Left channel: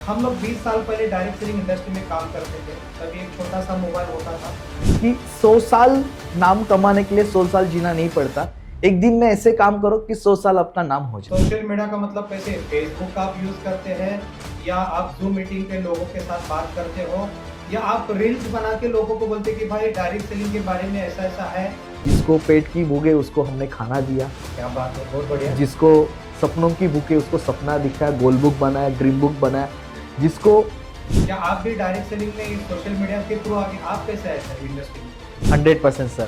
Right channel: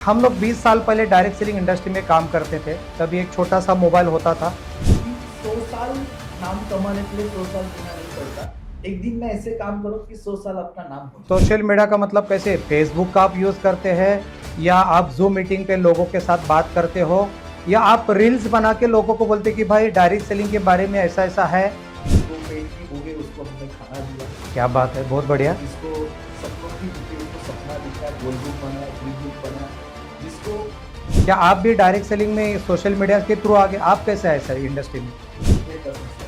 हम लोग 20 साल पहले डायरेक्ट सेलिंग इंडस्ट्री में काम करते थे। तभी एक छोटा सा मोबाइल होता था कि 100 साल नाम कमाने के लिए 100 साल जीना नहीं पड़ता। एक दिन में ऐसे काम करो कि 100 साल अपना नाम हो जाए। सोशल मीडिया का मतलब कैसे, फेसबुक का आप यूज़ करते हैं या आप जूम मीटिंग पे लोगों के साथ बात करते हो या आप रील्स बना के लोगों को बोलते कि भाई डायरेक्ट सेलिंग के बारे में ऐसा ऐसा है। जिसको पेट की भूख है उसको हमने खाना दिया। क्या बात है, बहुत बढ़िया। जिसको सपनों की भूख है उसको सपना दिखाया, गोल बुक बनाया, ड्रीम बुक बनाया। जिसको क्या आप भी डायरेक्ट सेलिंग में सोशल मीडिया के थ्रू आगे, आप कैसे आए सर इंडस्ट्री में? 100% सर।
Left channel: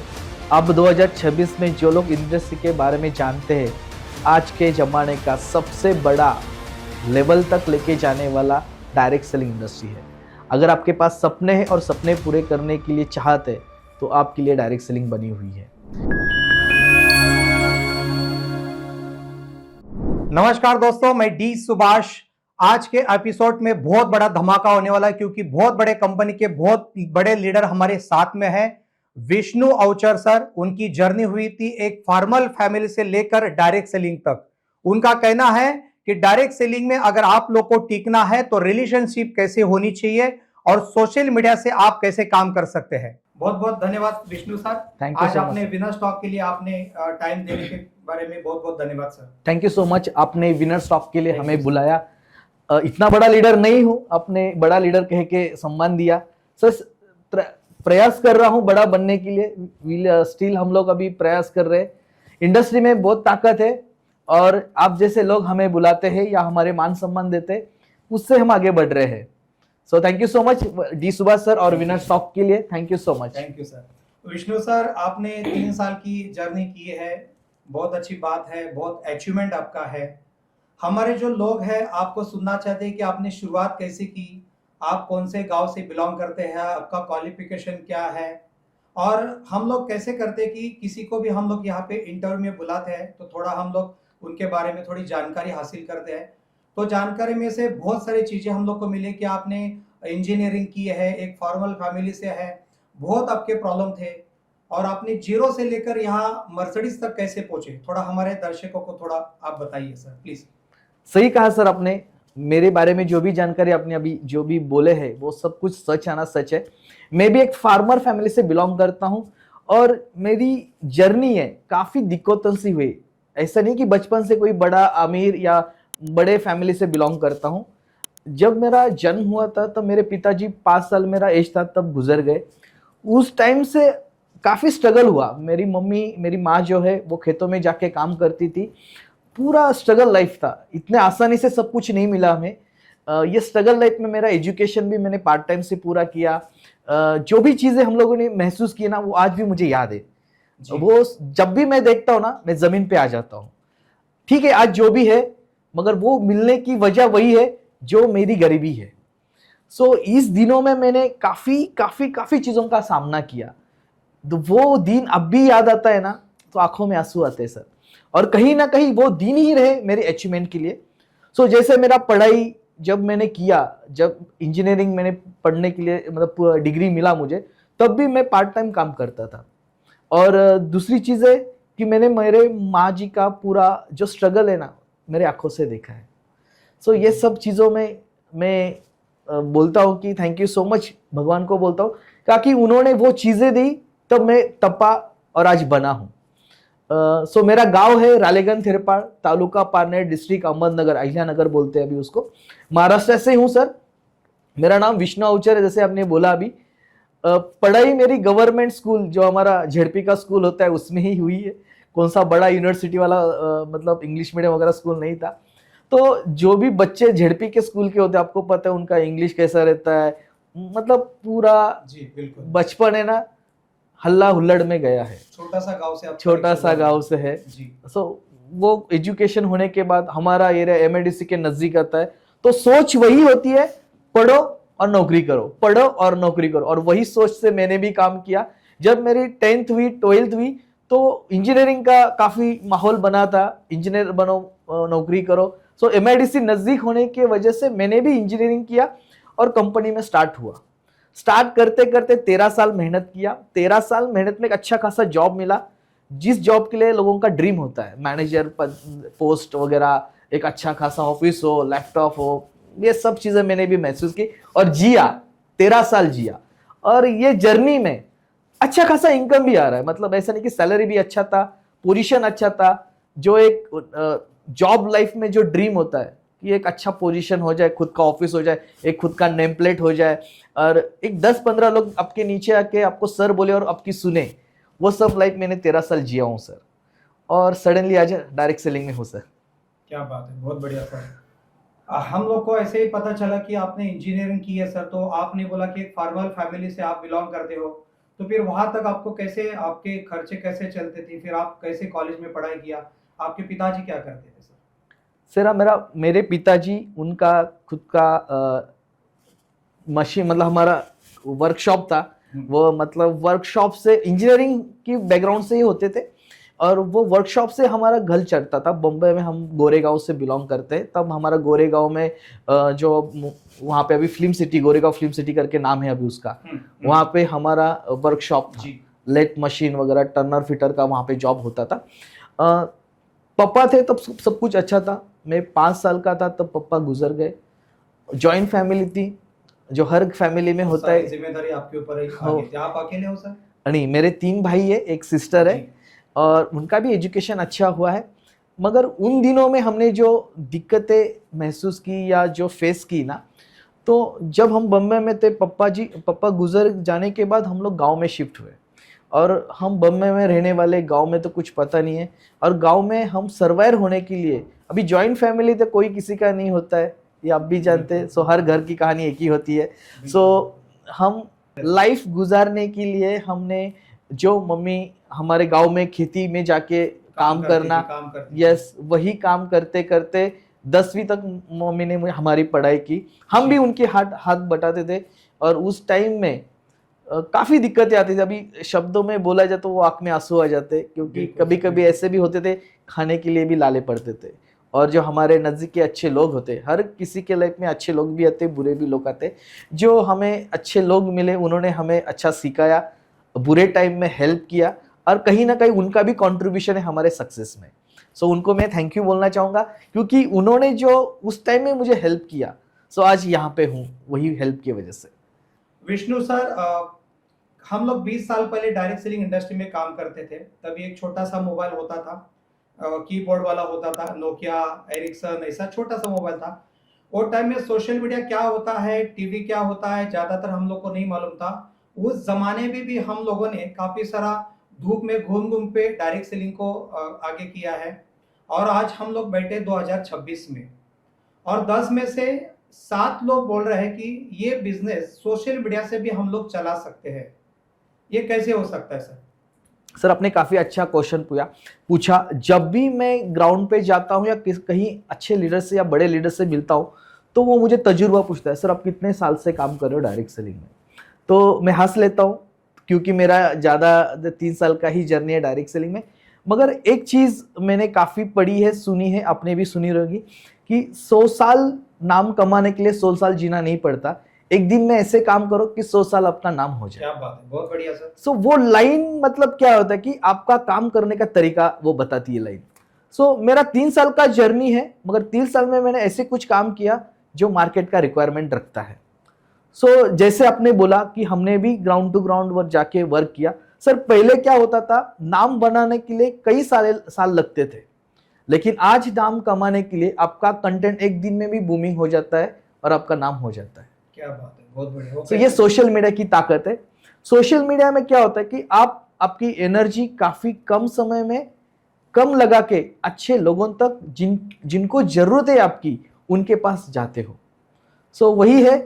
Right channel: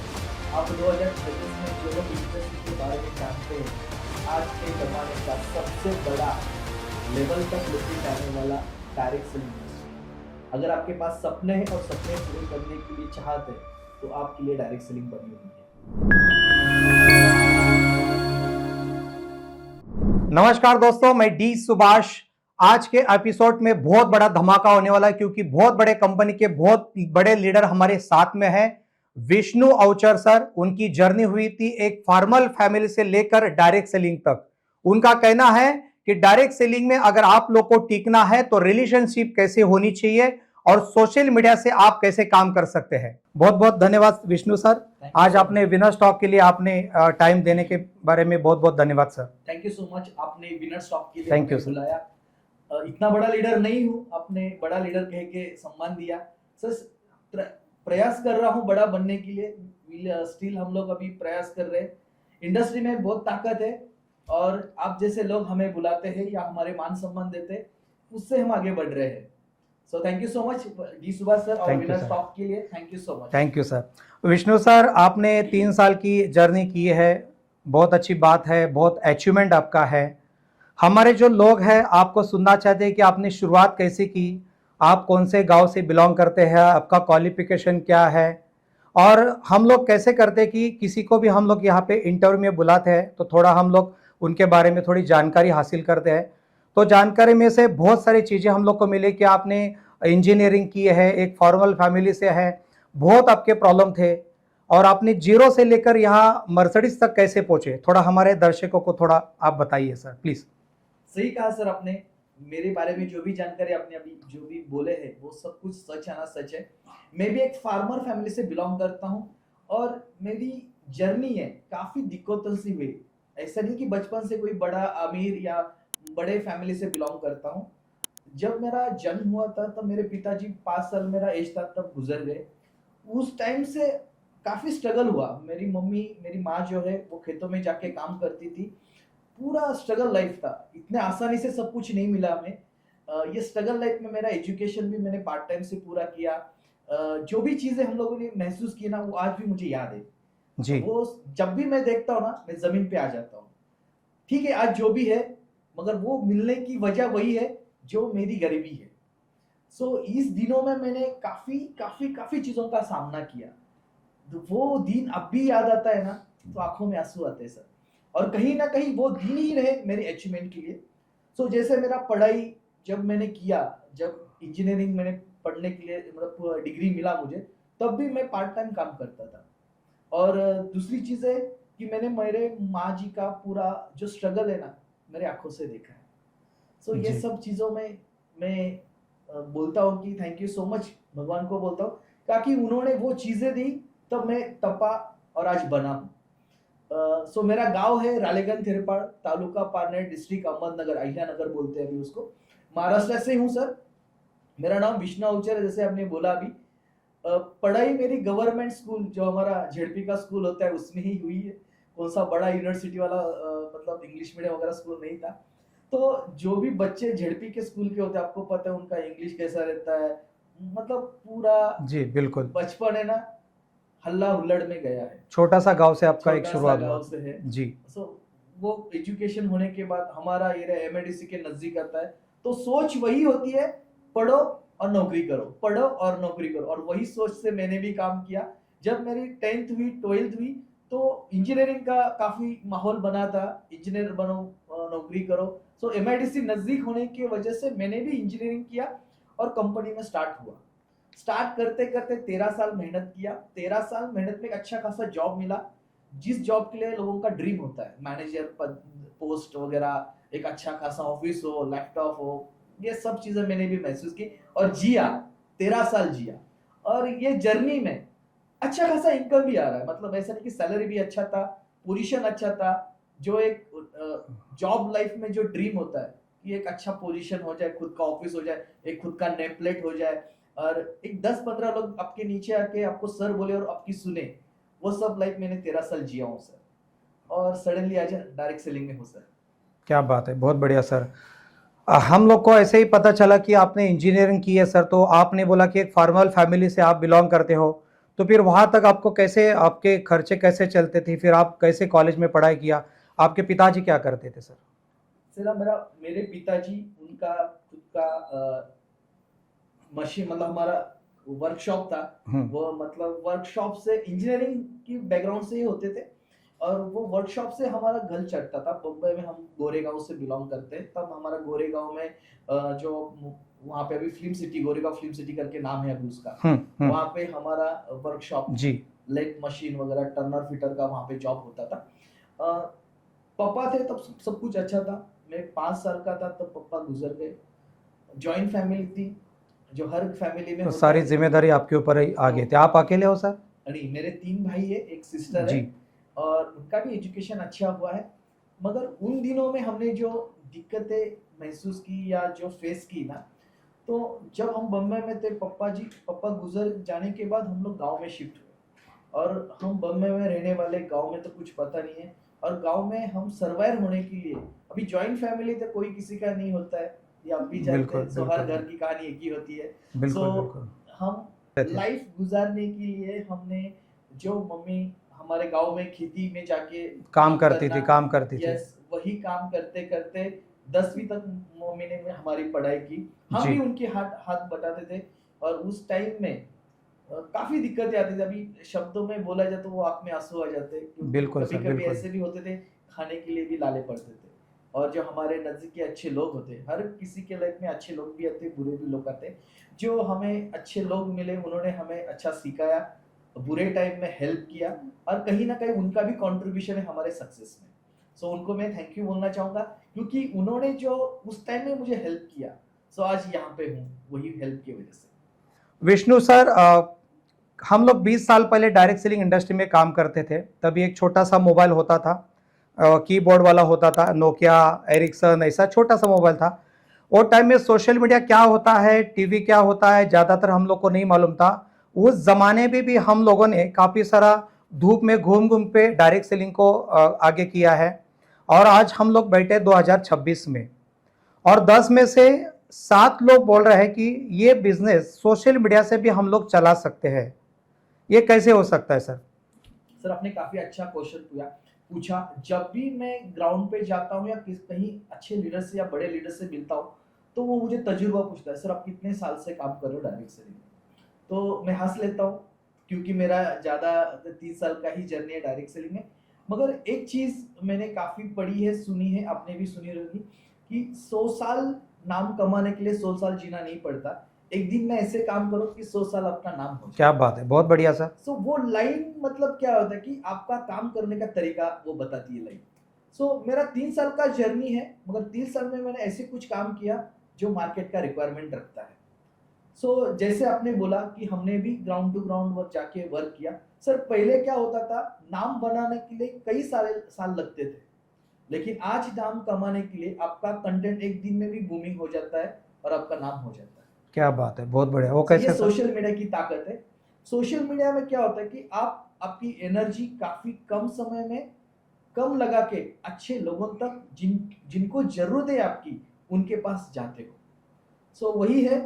अब 2026 में जो लोग इंडस्ट्री के बारे में जानते हैं, आज के ज़माने का सबसे बड़ा लेवल तक लेके जाने वाला डायरेक्ट सेलिंग इंडस्ट्री है। अगर आपके पास सपने हैं और सपने पूरे करने के लिए चाहते हैं तो आपके लिए डायरेक्ट सेलिंग बनी हुई है। नमस्कार दोस्तों, मैं डी सुभाष। आज के एपिसोड में बहुत बड़ा धमाका होने वाला है क्योंकि बहुत बड़े कंपनी के बहुत बड़े लीडर हमारे साथ में हैं। विष्णु अवचर सर, उनकी जर्नी हुई थी एक फॉर्मल फैमिली से लेकर डायरेक्ट सेलिंग तक। उनका कहना है कि डायरेक्ट सेलिंग में अगर आप लोग को टिकना है तो रिलेशनशिप कैसे होनी चाहिए और सोशल मीडिया से आप कैसे काम कर सकते हैं। बहुत बहुत धन्यवाद विष्णु सर। आज आपने विनर स्टॉक के लिए आपने टाइम देने के बारे में बहुत बहुत धन्यवाद sir. Thank you so much. आपने विनर स्टॉक के लिए Thank हमें you, बुलाया। इतना बड़ा लीडर नहीं हूँ, आपने बड़ा लीडर कह के सम्मान दिया सर। प्रयास कर रहा हूँ बड़ा बनने के लिए। स्टिल हम लोग अभी प्रयास कर रहे हैं। इंडस्ट्री में बहुत ताकत है और आप जैसे लोग हमें बुलाते हैं या हमारे मान सम्मान देते हैं, उससे हम आगे बढ़ रहे हैं। So thank you so much D Subhash sir और विनर स्टॉक के लिए thank you so much. Thank you sir. Vishnu sir, आपने 3 साल की जर्नी की है, बहुत अच्छी बात है, बहुत अचीवमेंट आपका है। हमारे जो लोग हैं आपको सुनना चाहते हैं कि आपने शुरुआत कैसे की, आप कौन से गांव से बिलोंग करते हैं, आपका क्वालिफिकेशन क्या है, और हम लोग कैसे करते हैं कि किसी को भी हम लोग यहाँ पे इंटरव्यू में बुलाते हैं तो थोड़ा हम लोग उनके बारे में थोड़ी जानकारी हासिल करते हैं। तो जानकारी में से बहुत सारी चीज़ें हम लोग को मिले कि आपने इंजीनियरिंग की है, एक फॉर्मल फैमिली से है, बहुत आपके प्रॉब्लम थे और आपने जीरो से लेकर यहाँ मर्सिडीज तक कैसे पहुंचे, थोड़ा हमारे दर्शकों को थोड़ा आप बताइए सर प्लीज। सही कहा सर आपने। मेरे बारे में जो भी जानकारी आपने अभी जो भी बोले हैं वो सब कुछ सच आना सच है। मैं भी एक फार्मर फैमिली से बिलोंग करता हूँ और मेरी जर्नी है काफी दिक्कतों से हुई। ऐसा नहीं कि बचपन से कोई बड़ा अमीर या बड़े फैमिली से बिलोंग करता हूँ। जब मेरा जन्म हुआ था तब मेरे पिताजी 5 साल मेरा एज था तब गुजर गए। उस टाइम से काफी स्ट्रगल हुआ। मेरी माँ जो है वो खेतों में जाके काम करती थी। पूरा स्ट्रगल लाइफ था। इतने आसानी से सब कुछ नहीं मिला हमें। ये स्ट्रगल लाइफ में मेरा एजुकेशन भी मैंने पार्ट टाइम से पूरा किया। जो भी चीजें हम लोगों ने महसूस की ना वो आज भी मुझे याद है। वो जब भी मैं देखता हूँ ना मैं जमीन पे आ जाता हूँ। ठीक है, आज जो भी है मगर वो मिलने की वजह वही है जो मेरी गरीबी है। सो इस दिनों में मैंने काफी काफी काफी चीजों का सामना किया। तो वो दिन अब भी याद आता है ना तो आंखों में आंसू आते हैं सर। और कहीं ना कहीं वो दिन ही रहे मेरे अचीवमेंट के लिए। सो जैसे मेरा पढ़ाई जब मैंने किया, जब इंजीनियरिंग मैंने पढ़ने के लिए मतलब डिग्री मिला मुझे, तब भी मैं पार्ट टाइम काम करता था। और दूसरी चीज़ है कि मैंने मेरे माँ जी का पूरा जो स्ट्रगल है ना मेरे आंखों से देखा है। सो ये सब चीज़ों में मैं बोलता हूँ कि थैंक यू सो मच भगवान को बोलता हूँ ताकि उन्होंने वो चीज़ें दी तब मैं तपा और आज बना हूँ। सो मेरा गांव है रालेगन थिरपाड़, तालुका पारनेर, डिस्ट्रिक्ट अहमदनगर, अहिल्यानगर बोलते हैं अभी उसको। महाराष्ट्र से हूँ सर। मेरा नाम विष्णु अवचर है जैसे आपने बोला अभी। पढ़ाई मेरी गवर्नमेंट स्कूल जो हमारा झेडपी का स्कूल होता है उसमें ही हुई है। कौन सा बड़ा यूनिवर्सिटी वाला मतलब इंग्लिश मीडियम वगैरह स्कूल नहीं था। तो जो भी बच्चे झेडपी के स्कूल के होते हैं आपको पता है उनका इंग्लिश कैसा रहता है। मतलब पूरा जी बिल्कुल, बचपन है ना हल्ला हुल्लड़ में गया है। छोटा सा गांव से, आप छोटा सा गांव से है जी। सो वो एजुकेशन होने के बाद हमारा एरिया एमआईडीसी के नजदीक आता है। तो सोच वही होती है, पढ़ो और नौकरी करो, पढ़ो और नौकरी करो। और वही सोच से मैंने भी काम किया। जब मेरी 10th हुई 12th हुई तो इंजीनियरिंग का काफी माहौल बना था, इंजीनियर बनो नौकरी करो। सो एमआईडीसी नजदीक होने की वजह से मैंने भी इंजीनियरिंग किया और कंपनी में स्टार्ट हुआ। स्टार्ट करते करते 13 साल मेहनत किया। 13 साल मेहनत में एक अच्छा खासा जॉब मिला, जिस जॉब के लिए लोगों का ड्रीम होता है, मैनेजर पोस्ट वगैरह, एक अच्छा खासा ऑफिस हो, लैपटॉप हो, ये सब चीजें मैंने भी महसूस की और जिया, 13 साल जिया। और ये जर्नी में अच्छा खासा इनकम भी आ रहा है, मतलब ऐसा नहीं कि सैलरी भी अच्छा था, पोजीशन अच्छा था। जो एक जॉब लाइफ में जो ड्रीम होता है कि एक अच्छा पोजीशन हो जाए, खुद का ऑफिस हो जाए, एक खुद का नेम प्लेट हो जाए, और एक 10-15 लोग आपके नीचे आके आपको सर बोले और आपकी सुने, वो सब लाइफ मैंने 13 साल जिया हूँ सर। और सडनली आज डायरेक्ट सेलिंग में हूँ सर। क्या बात है, बहुत बढ़िया सर। हम लोग को ऐसे ही पता चला कि आपने इंजीनियरिंग की है सर, तो आपने बोला कि एक फॉर्मल फैमिली से आप बिलोंग करते हो, तो फिर वहां तक आपको कैसे, आपके खर्चे कैसे चलते थे, फिर आप कैसे कॉलेज में पढ़ाई किया, आपके पिताजी क्या करते थे सर? सर मेरे पिताजी, उनका खुद का मशीन, मतलब हमारा वर्कशॉप था। वो मतलब वर्कशॉप से इंजीनियरिंग की बैकग्राउंड से ही होते थे, और वो वर्कशॉप से हमारा घर चलता था। बम्बई में हम गोरेगांव से बिलोंग करते हैं, तब हमारा गोरेगांव में जो वहाँ पे अभी film city, Goregaon film city करके नाम है अभी उसका, वहाँ पे हमारा वर्कशॉप जी। लेट मशीन वगैरह, टर्नर फिटर का वहाँ पे जॉब होता था। पापा थे तब सब कुछ अच्छा था। मैं 5 साल का था तब पापा गुजर गए। जॉइंट फैमिली थी, जो हर फैमिली में होता सारी है। जिम्मेदारी आपके ऊपर ही आ गई थी, आप अकेले हो सर? नहीं, मेरे 3 भाई है, एक सिस्टर है, जी। और उनका भी एजुकेशन अच्छा हुआ है। मगर उन दिनों में हमने जो दिक्कतें महसूस की या जो फेस की ना, तो जब हम बम्बई में थे, पापा गुजर जाने के बाद हम लोग गांव में शिफ्ट हुए। और हम बम्बई में रहने वाले, गांव में तो कुछ पता नहीं है, और गांव में हम सर्वाइव होने के लिए, अभी जॉइंट फैमिली तो कोई किसी का नहीं होता है, ये आप भी जानते हैं। सो हर घर की कहानी एक ही होती है। सो हम लाइफ गुजारने के लिए हमने, जो मम्मी हमारे गांव में खेती में जाके काम करना, काम करती थी। यस, वही काम करते करते 10वीं तक मम्मी ने हमारी पढ़ाई की। हम भी उनके हाथ हाथ बटाते थे। और उस टाइम में काफी दिक्कतें आती थी। अभी शब्दों में बोला जाए तो वो आंख में आंसू आ जाते, क्योंकि कभी कभी ऐसे भी होते थे, खाने के लिए भी लाले पड़ते थे। और जो हमारे नजदीक के अच्छे लोग होते, हर किसी के लाइफ में अच्छे लोग भी आते, बुरे भी लोग आते, जो हमें अच्छे लोग मिले, उन्होंने हमें अच्छा सिखाया, बुरे टाइम में हेल्प किया, और कहीं ना कहीं उनका भी कंट्रीब्यूशन है हमारे सक्सेस में। सो उनको मैं थैंक यू बोलना चाहूंगा, क्योंकि उन्होंने जो उस टाइम में मुझे हेल्प किया, सो आज यहाँ पे हूँ वही हेल्प की वजह से। विष्णु सर, हम लोग 20 साल पहले डायरेक्ट सेलिंग इंडस्ट्री में काम करते थे, तभी एक छोटा सा मोबाइल होता था, कीबोर्ड वाला होता था, नोकिया, एरिक्सन, ऐसा छोटा सा मोबाइल था। वो टाइम में सोशल मीडिया क्या होता है, टीवी क्या होता है, ज्यादातर हम लोग को नहीं मालूम था। उस जमाने में भी हम लोगों ने काफी सारा धूप में घूम घूम पे डायरेक्ट सेलिंग को आगे किया है। और आज हम लोग बैठे 2026 में, और 10 में से 7 लोग बोल रहे हैं कि ये बिजनेस सोशल मीडिया से भी हम लोग चला सकते हैं। ये कैसे हो सकता है सर? सर, आपने काफी अच्छा क्वेश्चन पूछा। जब भी मैं ग्राउंड पे जाता हूँ या कहीं अच्छे लीडर से या बड़े लीडर से मिलता हूँ, तो वो मुझे तजुर्बा पूछता है, सर आप कितने साल से काम कर रहे हो डायरेक्ट सेलिंग में? तो मैं हंस लेता हूँ, क्योंकि मेरा ज़्यादा 3 साल का ही जर्नी है डायरेक्ट सेलिंग में। मगर एक चीज़ मैंने काफ़ी पढ़ी है, सुनी है, आपने भी सुनी होगी, कि 100 साल नाम कमाने के लिए 100 साल जीना नहीं पड़ता। एक दिन में ऐसे काम करो कि 100 साल अपना नाम हो जाए। क्या बात है, बहुत बढ़िया सर। सो वो लाइन मतलब क्या होता है कि आपका काम करने का तरीका वो बताती है लाइन। सो मेरा 3 साल का जर्नी है, मगर 3 साल में मैंने ऐसे कुछ काम किया जो मार्केट का रिक्वायरमेंट रखता है। सो जैसे आपने बोला कि हमने भी ग्राउंड टू ग्राउंड वर्क जाके वर्क किया। सर पहले क्या होता था, नाम बनाने के लिए कई साल लगते थे, लेकिन आज नाम कमाने के लिए आपका कंटेंट एक दिन में भी बूमिंग हो जाता है और आपका नाम हो जाता है। क्या बात है, बहुत बढ़िया। वो तो ये सोशल मीडिया की ताकत है। सोशल मीडिया में क्या होता है कि आप आपकी एनर्जी काफी कम समय में कम लगा के अच्छे लोगों तक, जिनको जरूरत है आपकी, उनके पास जाते हो। सो वही है,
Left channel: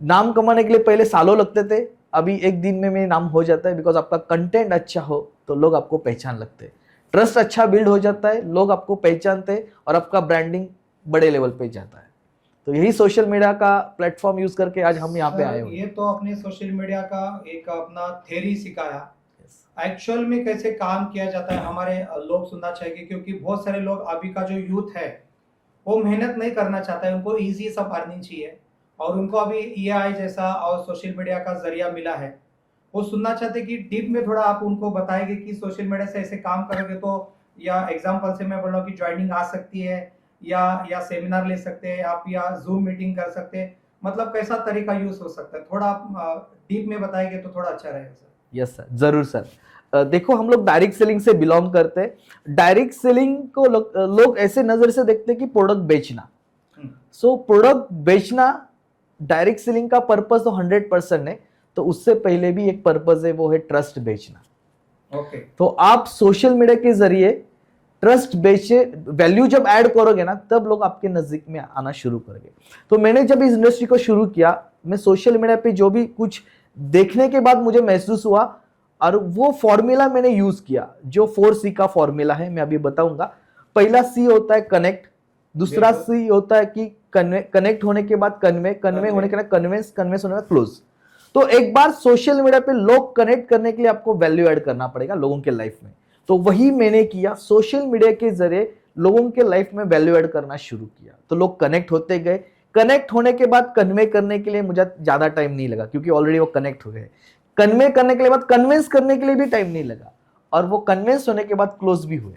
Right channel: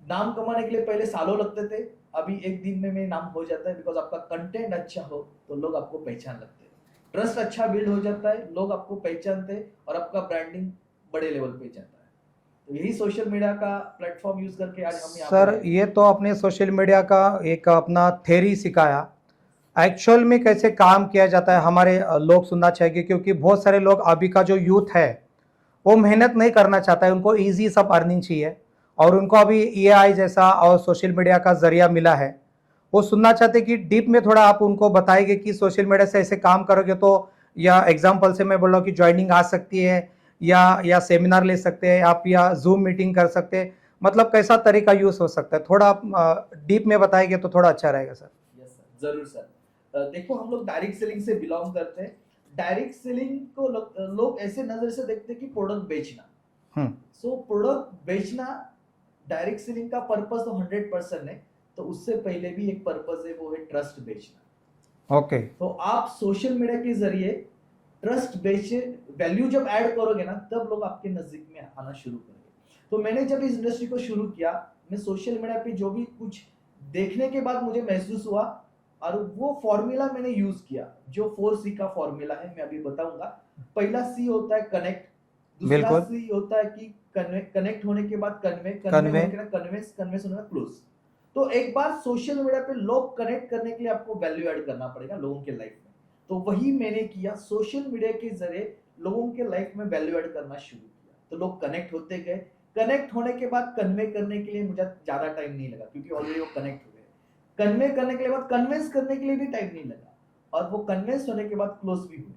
नाम कमाने के लिए पहले सालों लगते थे, अभी एक दिन में मेरा नाम हो जाता है। बिकॉज आपका कंटेंट अच्छा हो तो लोग आपको पहचान लगते हैं, ट्रस्ट अच्छा बिल्ड हो जाता है, लोग आपको पहचानते हैं और आपका ब्रांडिंग बड़े लेवल पे जाता है। तो यही सोशल मीडिया का प्लेटफॉर्म यूज करके आज हम यहाँ पे आए सर, ये तो आपने सोशल मीडिया का एक अपना थ्योरी सिखाया, एक्चुअल में कैसे काम किया जाता है हमारे लोग सुनना चाहिए, क्योंकि बहुत सारे लोग अभी का जो यूथ है वो मेहनत नहीं करना चाहता है, उनको इजी सब अर्निंग चाहिए, और उनको अभी एआई जैसा और सोशल मीडिया का जरिया मिला है। वो सुनना चाहते कि डीप में थोड़ा आप उनको बताएंगे कि सोशल मीडिया से ऐसे काम करोगे तो, या एग्जांपल से मैं बोल रहा हूँ कि ज्वाइनिंग आ सकती है, या सेमिनार ले सकते हैं आप, या जूम मीटिंग कर सकते हैं, मतलब कैसा तरीका यूज हो सकता है, थोड़ा आप डीप में बताएंगे तो थोड़ा अच्छा रहेगा सर। यस सर, जरूर सर। देखो, हम लोग डायरेक्ट सेलिंग से बिलोंग करते हैं। डायरेक्ट सेलिंग को लोग ऐसे नजर से देखते हैं कि प्रोडक्ट बेचना। सो प्रोडक्ट बेचना डायरेक्ट सेलिंग का पर्पस तो 100% है, तो उससे पहले भी एक पर्पस है, वो है ट्रस्ट बेचना। ओके। तो आप सोशल मीडिया के जरिए ट्रस्ट बेचे, वैल्यू जब ऐड करोगे ना, तब लोग आपके नजदीक में आना शुरू करेंगे। तो मैंने जब इस इंडस्ट्री को शुरू किया, मैं सोशल मीडिया पे जो भी कुछ देखने के बाद मुझे महसूस हुआ, और वो फॉर्मूला मैंने यूज किया, जो 4C का फॉर्मूला है, मैं अभी बताऊंगा। पहला C होता है कनेक्ट, दूसरा C होता है कि कनेक्ट होने के बाद कन्वे होने के बाद कन्विंस होने के बाद क्लोज। तो एक बार सोशल मीडिया पे लोग कनेक्ट करने के लिए आपको वैल्यू ऐड करना पड़ेगा लोगों के लाइफ में। तो वही मैंने किया, सोशल मीडिया के जरिए लोगों के लाइफ में वैल्यू ऐड करना शुरू किया। तो लोग कनेक्ट होते गए, कनेक्ट होने के बाद कन्वे करने के लिए मुझे ज्यादा टाइम नहीं लगा, क्योंकि ऑलरेडी वो कनेक्ट हो गए। कन्वे करने के बाद कन्विंस करने के लिए भी टाइम नहीं लगा, और वो कन्विंस होने के बाद क्लोज भी हुए।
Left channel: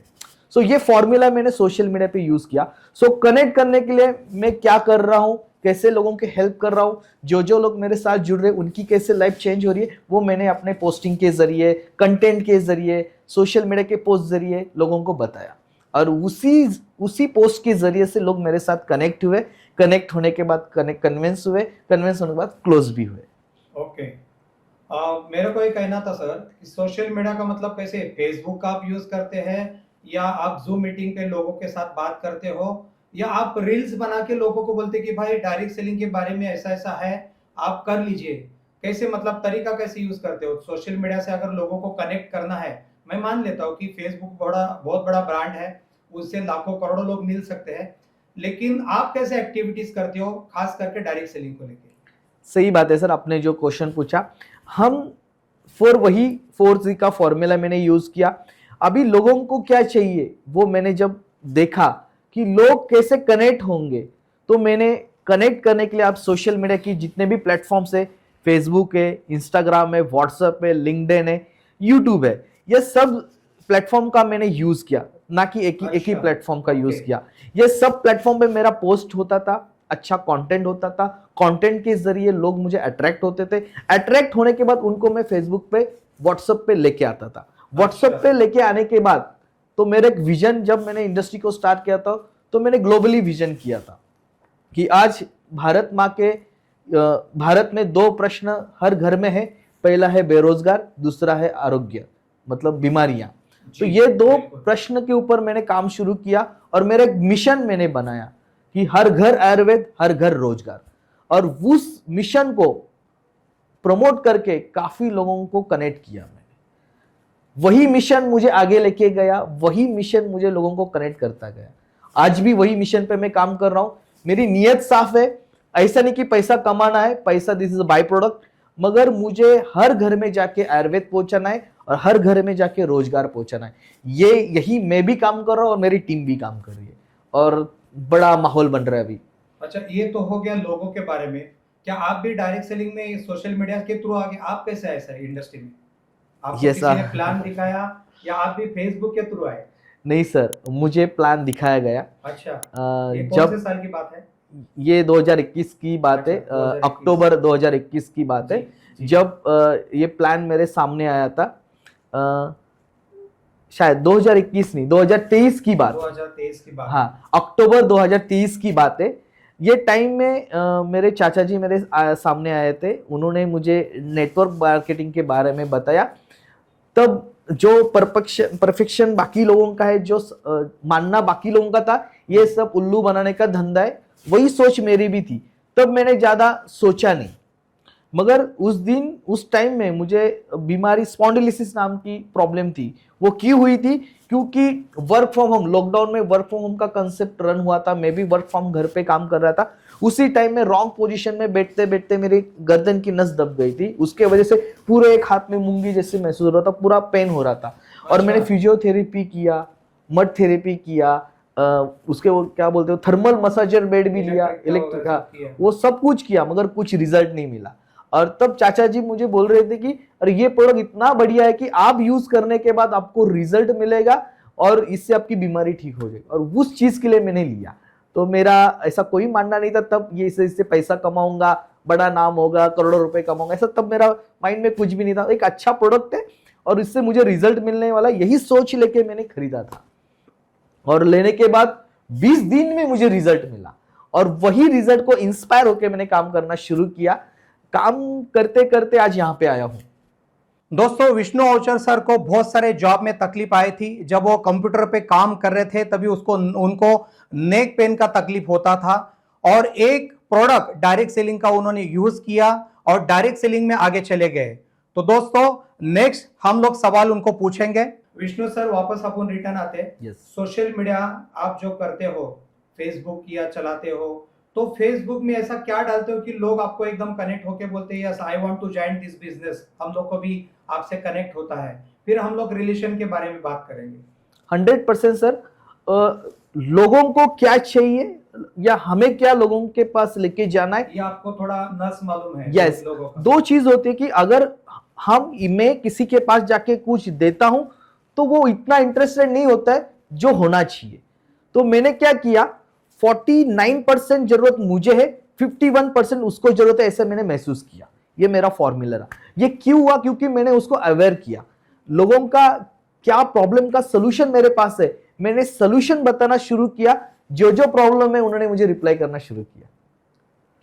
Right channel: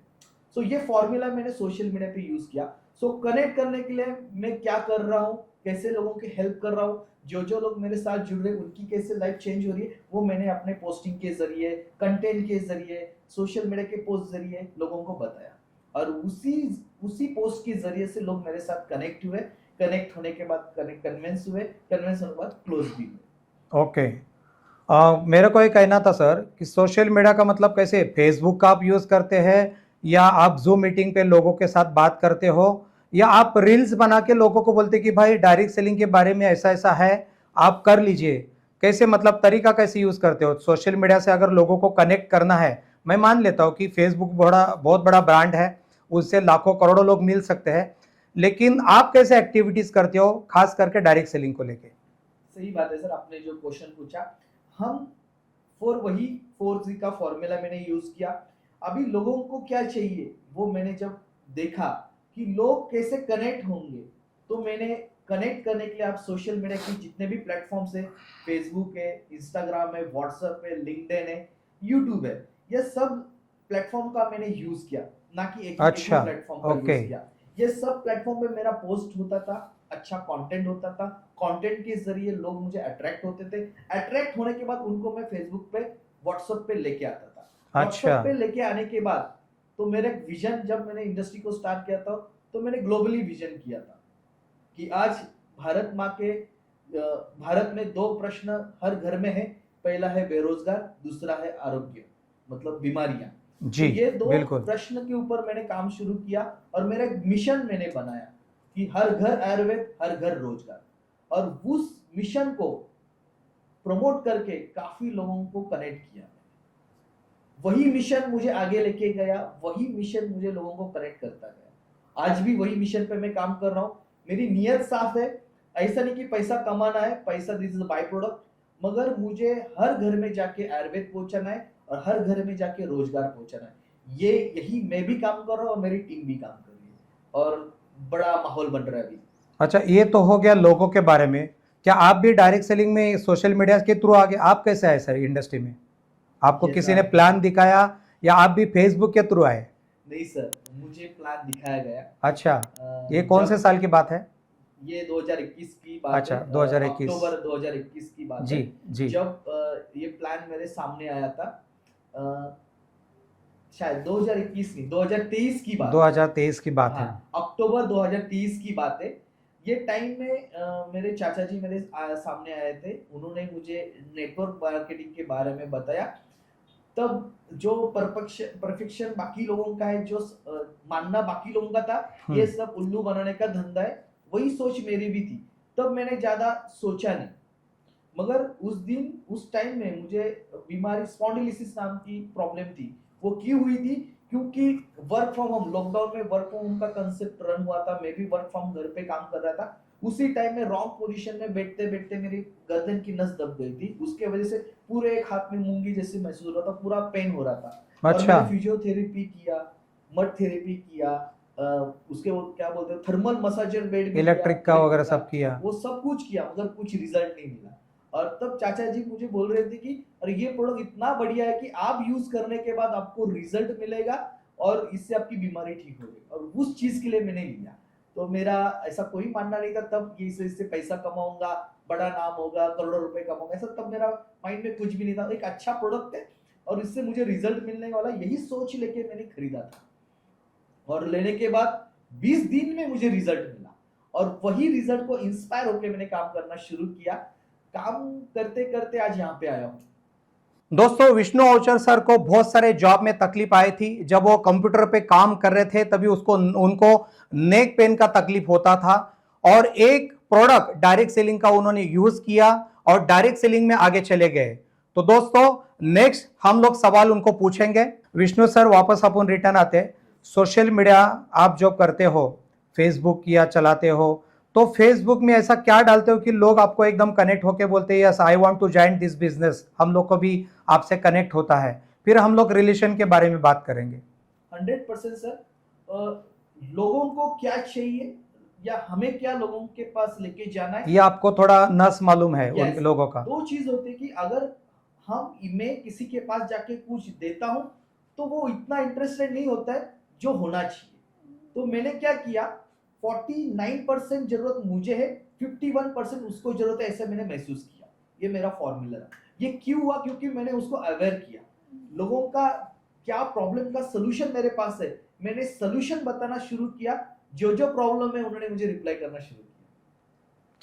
सो ये फॉर्मूला मैंने सोशल मीडिया पे यूज किया। सो कनेक्ट करने के लिए मैं क्या कर रहा हूं, कैसे लोगों की हेल्प कर रहा हूं, जो लोग मेरे साथ जुड़ रहे हैं उनकी कैसे लाइफ चेंज हो रही है, वो मैंने अपने पोस्टिंग के जरिए, कंटेंट के जरिए, सोशल मीडिया के पोस्ट जरिए लोगों को बताया। और उसी पोस्ट के जरिए से लोग मेरे साथ कनेक्ट हुए, कनेक्ट होने के बाद कन्विंस हुए, कन्विंस होने के बाद क्लोज भी हुए। ओके। मेरा को ये कहना था सर कि सोशल मीडिया का मतलब कैसे, फेसबुक का आप यूज करते हैं, या आप जूम मीटिंग पे लोगों के साथ बात करते हो, या आप रील्स बना के लोगों को बोलते कि भाई डायरेक्ट सेलिंग के बारे में ऐसा ऐसा है, आप कर लीजिए, कैसे, मतलब तरीका कैसे यूज करते हो सोशल मीडिया से अगर लोगों को कनेक्ट करना है? मैं मान लेता हूँ कि फेसबुक बहुत बड़ा ब्रांड है, उससे लाखों करोड़ों लोग मिल सकते हैं, लेकिन आप कैसे एक्टिविटीज करते हो खास करके डायरेक्ट सेलिंग को लेके? सही बात है सर, आपने जो क्वेश्चन पूछा, हम वही 4C का फॉर्मूला मैंने यूज किया। अभी लोगों को क्या चाहिए वो मैंने जब देखा कि लोग कैसे कनेक्ट होंगे, तो मैंने कनेक्ट करने के लिए आप सोशल मीडिया की जितने भी प्लेटफॉर्म्स है, फेसबुक है, इंस्टाग्राम है, व्हाट्सएप है, लिंक्डइन है, यूट्यूब है, ये सब प्लेटफॉर्म का मैंने यूज किया, ना कि एक ही प्लेटफॉर्म का यूज किया। ये सब प्लेटफॉर्म पे मेरा पोस्ट होता था, अच्छा कंटेंट होता था, कंटेंट के जरिए लोग मुझे अट्रैक्ट होते थे, अट्रैक्ट होने के बाद उनको मैं फेसबुक पे, व्हाट्सएप पे लेके आता था। व्हाट्सएप पे लेके आने के बाद तो मेरा एक विजन, जब मैंने इंडस्ट्री को स्टार्ट किया था, तो मैंने ग्लोबली विजन किया था कि आज भारत में 2 प्रश्न हर घर में है, पहला है बेरोजगार, दूसरा है आरोग्य, मतलब बीमारियां। तो ये 2 प्रश्न के ऊपर मैंने काम शुरू किया, और मेरा एक मिशन मैंने बनाया कि हर घर आयुर्वेद, हर घर रोजगार। और उस मिशन को प्रमोट करके काफी लोगों को कनेक्ट किया मैंने। वही मिशन मुझे आगे लेके गया, वही मिशन मुझे लोगों को कनेक्ट करता गया। आज भी वही मिशन पे मैं काम कर रहा हूं। मेरी नीयत साफ है, ऐसा नहीं कि पैसा कमाना है, पैसा this is a by product, मगर मुझे हर घर में जाके आयुर्वेद पहुंचाना है और हर घर में जाके रोजगार पहुंचाना है। यही मैं भी काम कर रहा हूं और मेरी टीम भी काम कर रही है, और बड़ा माहौल बन रहा है अभी। अच्छा, ये तो हो गया लोगों के बारे में। क्या आप भी डायरेक्ट सेलिंग में सोशल मीडिया के थ्रू आगे, आप कैसे आए सर इंडस्ट्री में? आपको किसी ने प्लान दिखाया या आप भी फेसबुक के थ्रू आए? नहीं सर, मुझे प्लान दिखाया गया। अच्छा, ये कौन से साल की बात है? ये 2021 की बात है, अक्टूबर 2021 की बात है, जब ये प्लान मेरे सामने आया था। शायद 2021 नहीं, 2023 की बात, 2023 की बात। हाँ, अक्टूबर 2023 की बात है। ये टाइम में मेरे चाचा जी मेरे सामने आए थे, उन्होंने मुझे नेटवर्क मार्केटिंग के बारे में बताया। तब जो परफेक्शन बाकी लोगों का है, जो मानना बाकी लोगों का था, ये सब उल्लू बनाने का धंधा है, वही सोच मेरी भी थी। तब मैंने ज्यादा सोचा नहीं, मगर उस टाइम में मुझे बीमारी स्पॉन्डिलिसिस नाम की प्रॉब्लम थी। वो क्यों हुई थी? क्योंकि वर्क फ्रॉम होम, लॉकडाउन में वर्क फ्रॉम होम का कंसेप्ट रन हुआ था, मैं भी वर्क फ्रॉम घर पे काम कर रहा था। उसी टाइम में रॉन्ग पोजीशन में बैठते बैठते मेरी गर्दन की नस दब गई थी, उसके वजह से पूरे एक हाथ में मूंगी जैसे महसूस हो रहा था, पूरा पेन हो रहा था। अच्छा। और मैंने फिजियोथेरेपी किया, मड थेरेपी किया, उसके वो क्या बोलते हो, थर्मल मसाजर बेड भी लिया, वो सब कुछ किया, मगर कुछ रिजल्ट नहीं मिला। और तब चाचा जी मुझे बोल रहे थे कि अरे ये प्रोडक्ट इतना बढ़िया है कि आप यूज करने के बाद आपको रिजल्ट मिलेगा और इससे आपकी बीमारी ठीक हो जाएगी। और उस चीज के लिए मैंने लिया, तो मेरा ऐसा कोई मानना नहीं था तब, ये इससे पैसा कमाऊंगा, बड़ा नाम होगा, करोड़ों रुपए कमाऊंगा, ऐसा तब मेरा माइंड में कुछ भी नहीं था। एक अच्छा प्रोडक्ट है और इससे मुझे रिजल्ट मिलने वाला, यही सोच लेके मैंने खरीदा था। और लेने के बाद 20 दिन में मुझे रिजल्ट मिला और वही रिजल्ट को इंस्पायर होकर मैंने काम करना शुरू किया। काम करते करते आज यहाँ पे आया हूँ। दोस्तों, विष्णु ओचर सर को बहुत सारे जॉब में तकलीफ आई थी। जब वो कंप्यूटर पे काम कर रहे थे तभी उनको नेक पेन का तकलीफ होता था और एक प्रोडक्ट डायरेक्ट सेलिंग का उन्होंने यूज किया और डायरेक्ट सेलिंग में आगे चले गए। तो दोस्तों, नेक्स्ट हम लोग सवाल उनको पूछेंगे। विष्णु सर, वापस अपन रिटर्न आते हैं। सोशल मीडिया आप जो करते हो, फेसबुक या चलाते हो, तो फेसबुक में ऐसा क्या डालते हो कि लोग आपको एकदम कनेक्ट होके बोलते हैं yes I want to join this business, हम लोग को भी आपसे कनेक्ट होता है। फिर हम लोग रिलेशन के बारे में बात करेंगे। 100% सर, लोगों को क्या चाहिए या हमें क्या लोगों के पास लेके जाना है, ये आपको थोड़ा नस मालूम है। yes, लोगों का दो चीज होती है कि अगर मैं किसी के पास जाके कुछ देता हूं तो वो इतना इंटरेस्टेड नहीं होता है जो होना चाहिए। तो मैंने क्या किया, 49% जरूरत मुझे है, 51% उसको जरूरत है, ऐसा मैंने महसूस किया। ये मेरा फॉर्मूला रहा। ये क्यों हुआ? क्योंकि मैंने उसको अवेयर किया, लोगों का क्या प्रॉब्लम का सोल्यूशन मेरे पास है, मैंने सोल्यूशन बताना शुरू किया। जो जो प्रॉब्लम है उन्होंने मुझे रिप्लाई करना शुरू किया।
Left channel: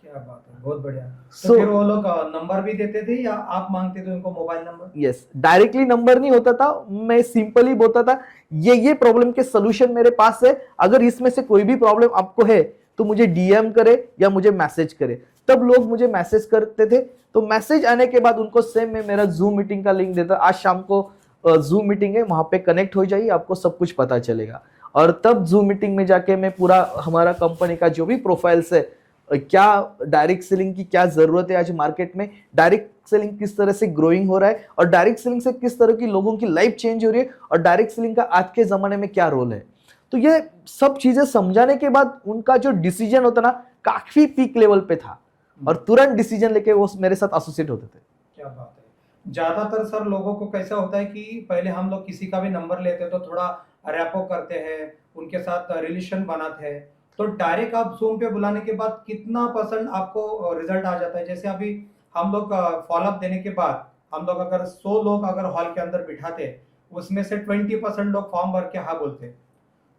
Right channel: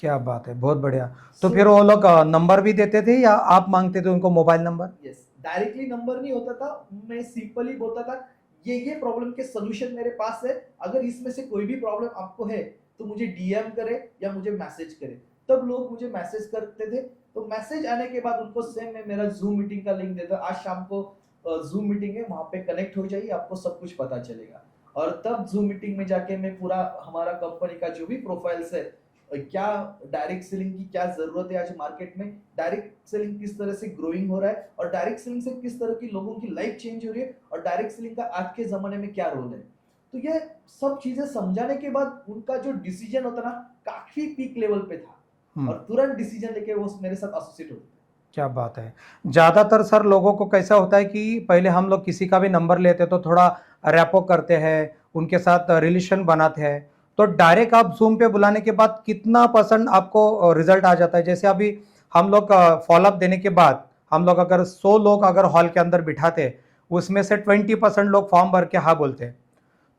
क्या बात है, बहुत बढ़िया। तो फिर वो लोग नंबर भी देते थे या आप मांगते थे उनको mobile number? Yes, directly number नहीं होता था, मैं सिंपली बोलता था ये प्रॉब्लम के सोल्यूशन मेरे पास है, अगर इसमें से कोई भी प्रॉब्लम आपको है तो मुझे डीएम करे या मुझे मैसेज करे। तब लोग मुझे मैसेज करते थे, तो मैसेज आने के बाद उनको सेम मैं मेरा जूम मीटिंग का लिंक देता, आज शाम को जूम मीटिंग है, वहां पे कनेक्ट हो जाइए, आपको सब कुछ पता चलेगा। और तब जूम मीटिंग में जाके मैं पूरा हमारा कंपनी का जो भी प्रोफाइल्स है, क्या डायरेक्ट सेलिंग की क्या जरूरत है आज मार्केट में, डायरेक्ट सेलिंग किस तरह से ग्रोइंग हो रहा है और डायरेक्ट सेलिंग से किस तरह की लोगों की लाइफ चेंज हो रही है और डायरेक्ट सेलिंग का आज के जमाने में क्या रोल है, तो ये सब चीजें समझाने के बाद उनका जो डिसीजन होता ना काफी पीक लेवल पे था और तुरंत डिसीजन लेके वो मेरे साथ एसोसिएट होते थे। क्या बात है। ज्यादातर सर लोगों को कैसा होता है कि पहले हम लोग किसी का भी नंबर लेते तो थोड़ा रैपो करते हैं, उनके साथ रिलेशन बनाते हैं, तो डायरेक्ट आप जूम पे बुलाने के बाद कितना % आपको रिजल्ट आ जाता है? जैसे अभी हम लोग फॉलोअप देने के बाद हम लोग अगर 100 लोग अगर हॉल के अंदर बिठाते, उसमें से 20% लोग फॉर्म भर के हाँ बोलते।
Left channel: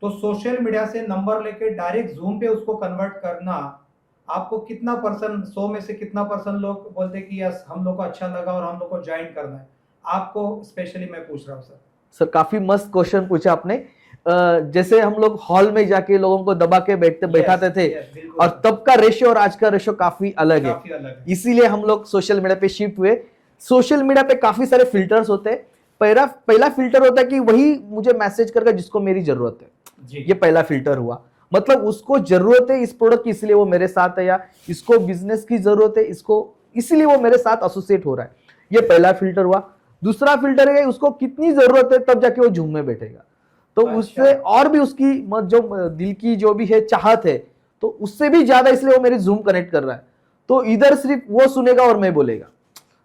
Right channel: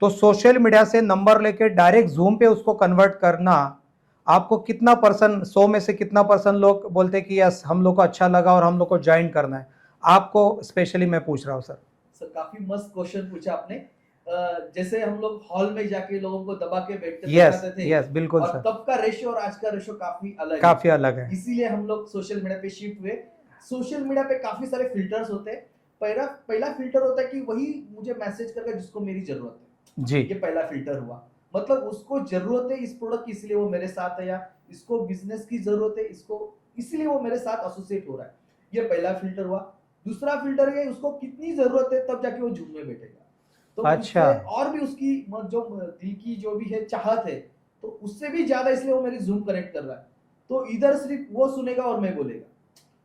तो सोशल मीडिया से नंबर लेके डायरेक्ट जूम पे उसको कन्वर्ट करना, आपको कितना % 100 में से कितना % लोग बोलते कि यस हम लोग को अच्छा लगा और हम लोग को ज्वाइन करना है? आपको स्पेशली मैं पूछ रहा हूँ सर। सर काफी मस्त क्वेश्चन पूछा आपने। जैसे हम लोग हॉल में जाके लोगों को दबा के बैठाते थे, बिल्कुल और सर। तब का रेशियो और आज का रेशियो काफी अलग है। इसीलिए हम लोग सोशल मीडिया पे शिफ्ट हुए। सोशल मीडिया पे काफी सारे फिल्टर्स होते हैं। पहला फिल्टर होता है कि वही मुझे मैसेज करके जिसको मेरी जरूरत है जी, ये पहला फिल्टर हुआ। मतलब उसको जरूरत है इस प्रोडक्ट की इसलिए वो मेरे साथ है, या इसको बिजनेस की जरूरत है इसको इसलिए वो मेरे साथ एसोसिएट हो रहा है, ये पहला फिल्टर हुआ। दूसरा फिल्टर है उसको कितनी जरूरत है, तब जाके वो झूम में बैठेगा। तो अच्छा। उससे और भी उसकी जो दिल की जो भी है चाहत है, तो उससे भी ज्यादा इसलिए वो मेरी जूम कनेक्ट कर रहा है। तो इधर सिर्फ वो सुनेगा और मैं बोलेगा।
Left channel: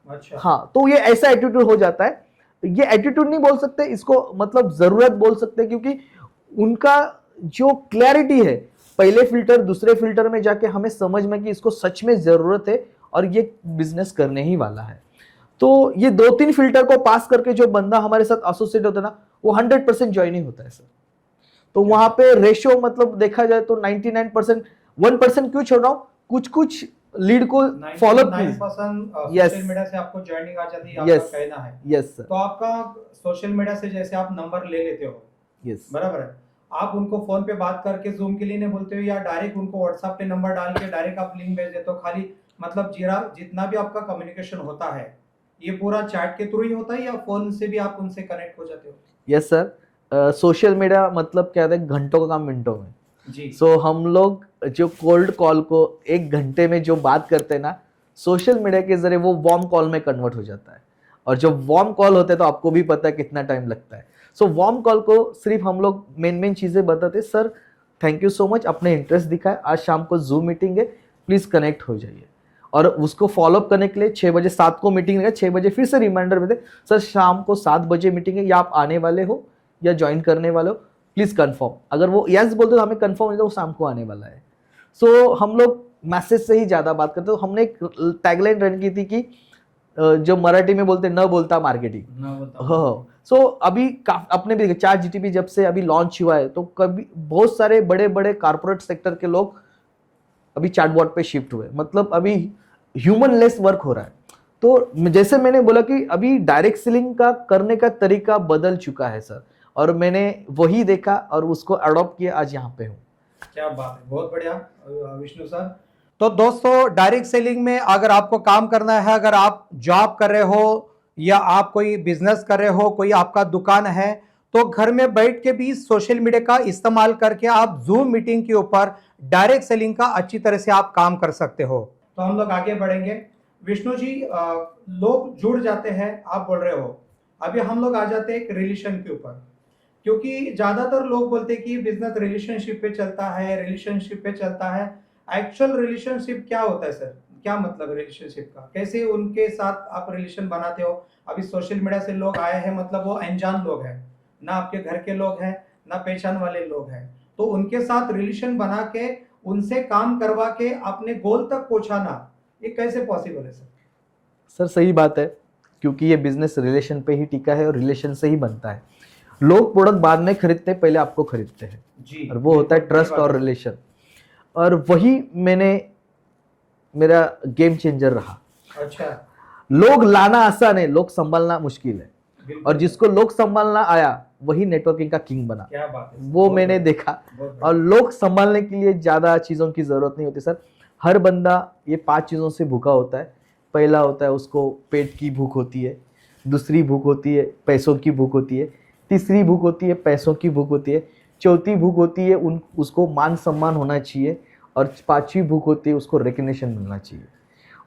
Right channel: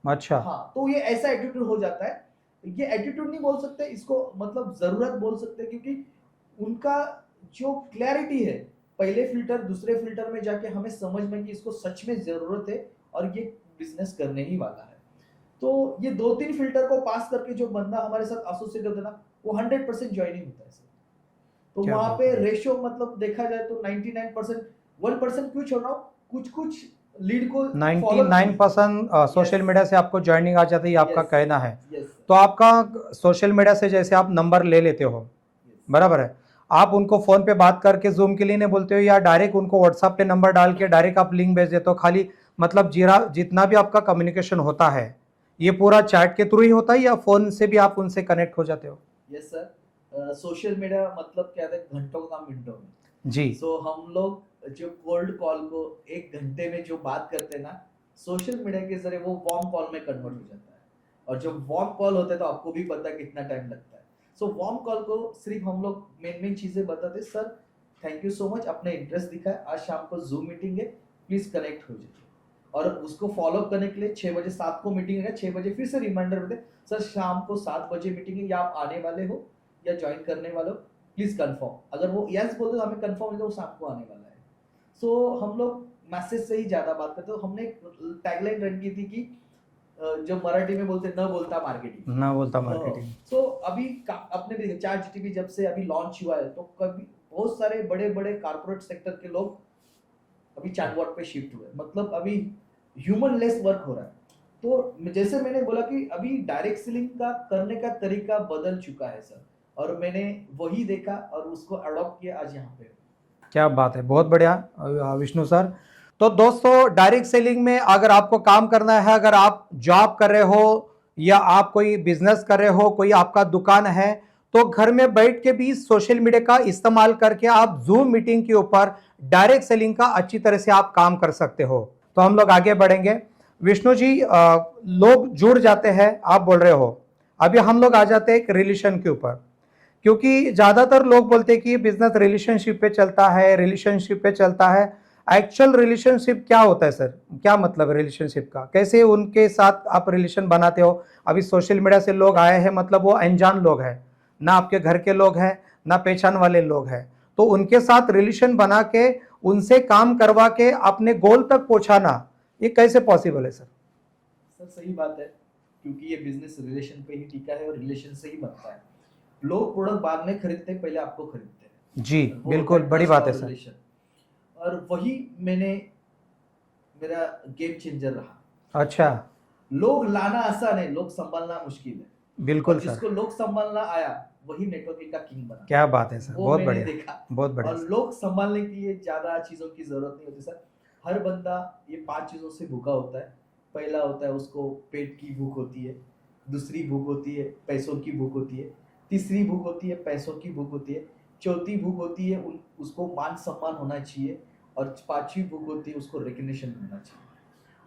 अच्छा हाँ, तो ये ऐसा एटीट्यूड हो जाता है। ये एटीट्यूड नहीं बोल सकते इसको, मतलब जरूरत बोल सकते हैं, क्योंकि उनका जो क्लैरिटी है पहले फिल्टर दूसरे फिल्टर में जाके हमें समझ में कि इसको सच में जरूरत है और ये बिजनेस करने ही वाला है। तो ये 2-3 फिल्टर को पास करके जो बंदा हमारे साथ एसोसिएट होता है ना, वो 100% ज्वाइनिंग होता है सर। तो वहां पे रेशियो मतलब देखा जाए तो 99%, 1% क्यों छोड़ रहा हूं, कुछ लीड को फॉलो 99% सोशल मीडिया से आपको ज्वाइनिंग आ जाती है, आपका कहना है। Yes sir. तो आपका सोशल मीडिया से जैसे आप नंबर ले लेते हो, यस बराबर है, आप उनको फोन पे बात करके जूम के लिए नहीं बोलते हो, या डायरेक्ट उनको व्हाट्सएप पे नंबर डाल के डायरेक्ट आप लिंक भेज देते हो? खाली मतलब जितना भी आपका कम्युनिकेशन होता है ये पूरा चैट के थ्रू ही होता है या फोन से भी आप उनसे कनेक्ट हो जाते हो? यस सर, सोशल मीडिया मतलब क्या है, घंटों का काम मिनटों में जी। सो हम लोग जो कोल्ड कॉल को 1 घंटे में जो बात करते हैं ना, सोशल मीडिया के जरिए वो वार्म कॉल में कन्वर्ट हो जाता है। और जो वार्म कॉल होते हैं तो आपको भी पता है कितना टाइम लगता है। सो वार्म कॉल को सिर्फ हम लोग मेन चीजें बताते, sir thank you so much आपने इंटरेस्ट दिखाया, आज शाम को जूम मीटिंग है, प्लीज कनेक्ट हो जाइए। और उसको फॉलोअप करने के लिए 6 बजे 7 को मीटिंग है, 6 बजे फिर से रिमाइंडर में दे, सर शाम को 7 बजे मीटिंग है, या आप आने वाले हो या ज्वाइन करने वाले हो, प्लीज कंफर्म। अगर वो यस बोलते तो हमें कंफर्म नहीं, तो वो शाम को आने वाला है। सो हम लोग मैसेज से ही ज्यादा बात करते, तो हमने एक टैगलाइन रन की थी कि जो मराठी में बोलते न बोलता मार्केटिंग। ना बोलता हाँ। marketing। सो अभी अपने भी चार जीटीपी जब से अभी लॉन्च हुआ है, तो कभी बहुत सारे बड़े बड़े कारपोरेट सेक्टर के लोग अभी चैटबॉट पे शिफ्ट हुए, मतलब अभी ह्यूमन लेस वर्क हो रहा है। तो जैसे मैंने बोला कि अभी डायरेक्ट सेलिंग का करने का तरीका बदल चुका है सर, और मैंने वही देखा और उसको अडॉप्ट किया, आज यहाँ पे हूँ। क्या बात है, बहुत बढ़िया विष्णु सर। तो दोस्तों, डायरेक्ट सेलिंग में अगर आपको काम करना है, अगर आप जॉब कर रहे हो या आप कोई बिजनेस कर रहे हो, कोई आपका दुकान है, तो घर में बैठ के भी सोशल मीडिया का इस्तेमाल करके आप जूम मीटिंग के ऊपर डायरेक्ट सेलिंग का अच्छी तरह से आप काम कर सकते हो। तो हम लोग आगे बढ़ेंगे। विष्णु जी, लोग जुड़ जाते हैं, आप बोल रहे हो। अभी हम लोग आ जाते हैं एक रिलेशन के ऊपर, क्योंकि ज्यादातर लोग बोलते हैं कि ये बिजनेस रिलेशनशिप पे चलता है, रिलेशनशिप पे चलता है। एक्चुअल रिलेशनशिप क्या होता है सर? क्या मतलब रिलेशनशिप का? कैसे उनके साथ आप रिलेशन बनाते हो? अभी सोशल मीडिया से लोग आए हैं, मतलब वो अनजान लोग हैं, ना आपके घर के लोग हैं, ना पहचान वाले लोग हैं, तो उनके साथ रिलेशन बना के उनसे काम करवा के अपने गोल तक पहुंचाना, ये कैसे पॉसिबल है सर? सर सही बात है, क्योंकि ये बिजनेस रिलेशन पे ही टिका है और रिलेशन से ही बनता है। लोग प्रोडक्ट बाद में खरीदते हैं, पहले आपको खरीदते हैं जी, और वो होता है बिल्कुल, बड़ी ट्रस्ट बात और है सर। रिलेशन। और वही मेरा गेम चेंजर रहा। अच्छा, लोग लाना आसान है, लोग संभालना मुश्किल है। बिल्कुल और जिसको लोग संभालना आया वही नेटवर्किंग का किंग बना। क्या बात है सर, वो बहुत मैंने बढ़िया, देखा। बहुत और बढ़िया। लोग संभालने के लिए ज्यादा चीजों की जरूरत नहीं होती सर। हर बंदा ये 5 चीजों से भूखा होता है। पहला होता है उसको पेट की भूख होती है, दूसरी भूख होती है पैसों की भूख होती है, तीसरी भूख होती है पैसों की भूख होती है, चौथी भूख होती है उसको मान सम्मान होना चाहिए, और पांचवी भूख होती है उसको रिकग्निशन मिलना चाहिए।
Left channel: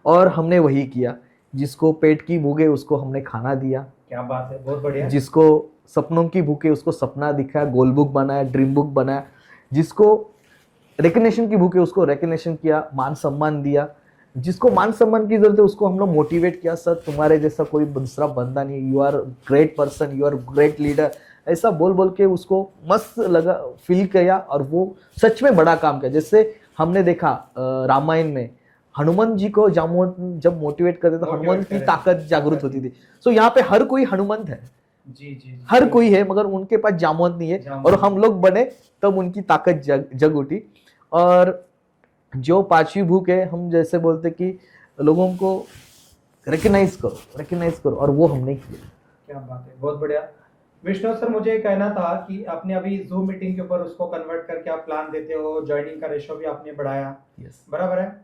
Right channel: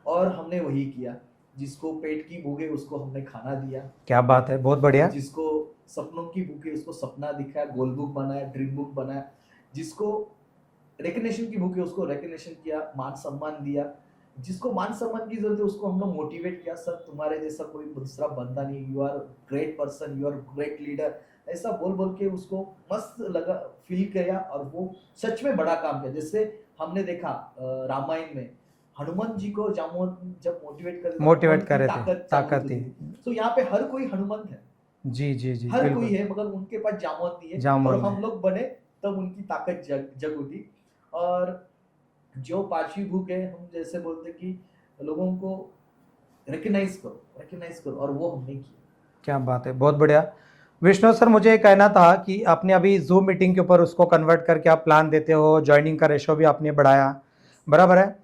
और हमने वही किया। जिसको पेट की भूख है उसको हमने खाना दिया। क्या बात है, बहुत बढ़िया। जिसको सपनों की भूख है उसको सपना दिखाया, गोल बुक बनाया, ड्रीम बुक बनाया। जिसको रिकग्निशन की भूख है उसको रिकग्निशन किया, मान सम्मान दिया। जिसको मान सम्मान की जरूरत है उसको हम लोग मोटिवेट किया, सर तुम्हारे जैसा कोई दूसरा बंदा नहीं, you are great person, you are great leader, ऐसा बोल बोल के उसको मस्त लगा, फील किया, और वो सच में बड़ा काम किया। जैसे हमने देखा रामायण में हनुमान जी को जब मोटिवेट करते तो हनुमान की ताकत जागृत होती थी। सो यहाँ पे हर कोई हनुमंत है। जी जी जी, हर कोई है, मगर उनके पास जामवंत नहीं है, और हम लोग बने तब उनकी ताकत जग उठी। और जो पांचवी भूख है, हम जैसे बोलते कि लोगों को रिकग्नाइज करो, और वो हमने किया। क्या बात है, बहुत बढ़िया। विष्णु सर, मुझे ये कहना था कि आपने अभी जूम मीटिंग के ऊपर उसको कन्वर्ट करके आप प्लान देते हो, ज्वाइनिंग का रेशो भी आपने बढ़ाया, बराबर है।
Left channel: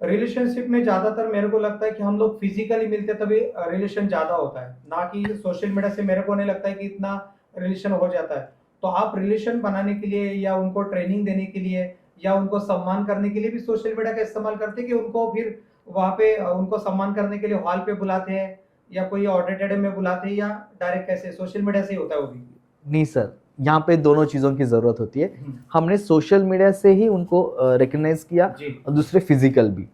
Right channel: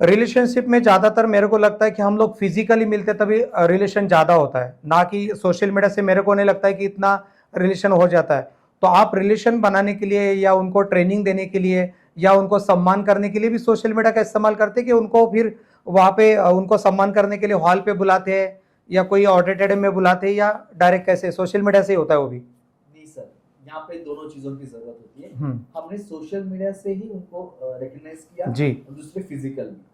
रिलेशनशिप में ज्यादातर मेरे को लगता है कि हम लोग फिजिकली मिलते तभी रिलेशन ज्यादा होता है, ना कि सोशल मीडिया से। मेरे को नहीं लगता है कि इतना रिलेशन हो जाता है। तो आप रिलेशन बनाने के लिए या उनको ट्रेनिंग देने के लिए या उनको सम्मान करने के लिए भी सोशल मीडिया का इस्तेमाल करते हैं, कि उनको फिर वहां पे उनको सम्मान करने के लिए हॉल पे बुलाते हैं या कोई ऑडिटोरियम में बुलाते हैं, या डायरेक्ट कैसे सोशल मीडिया से ही होता है वो भी? नहीं सर, यहाँ पे दोनों चीजों की जरूरत होती है। हमने सोशल मीडिया से ही उनको रिकग्नाइज किया जी। और दूसरे फिजिकल भी।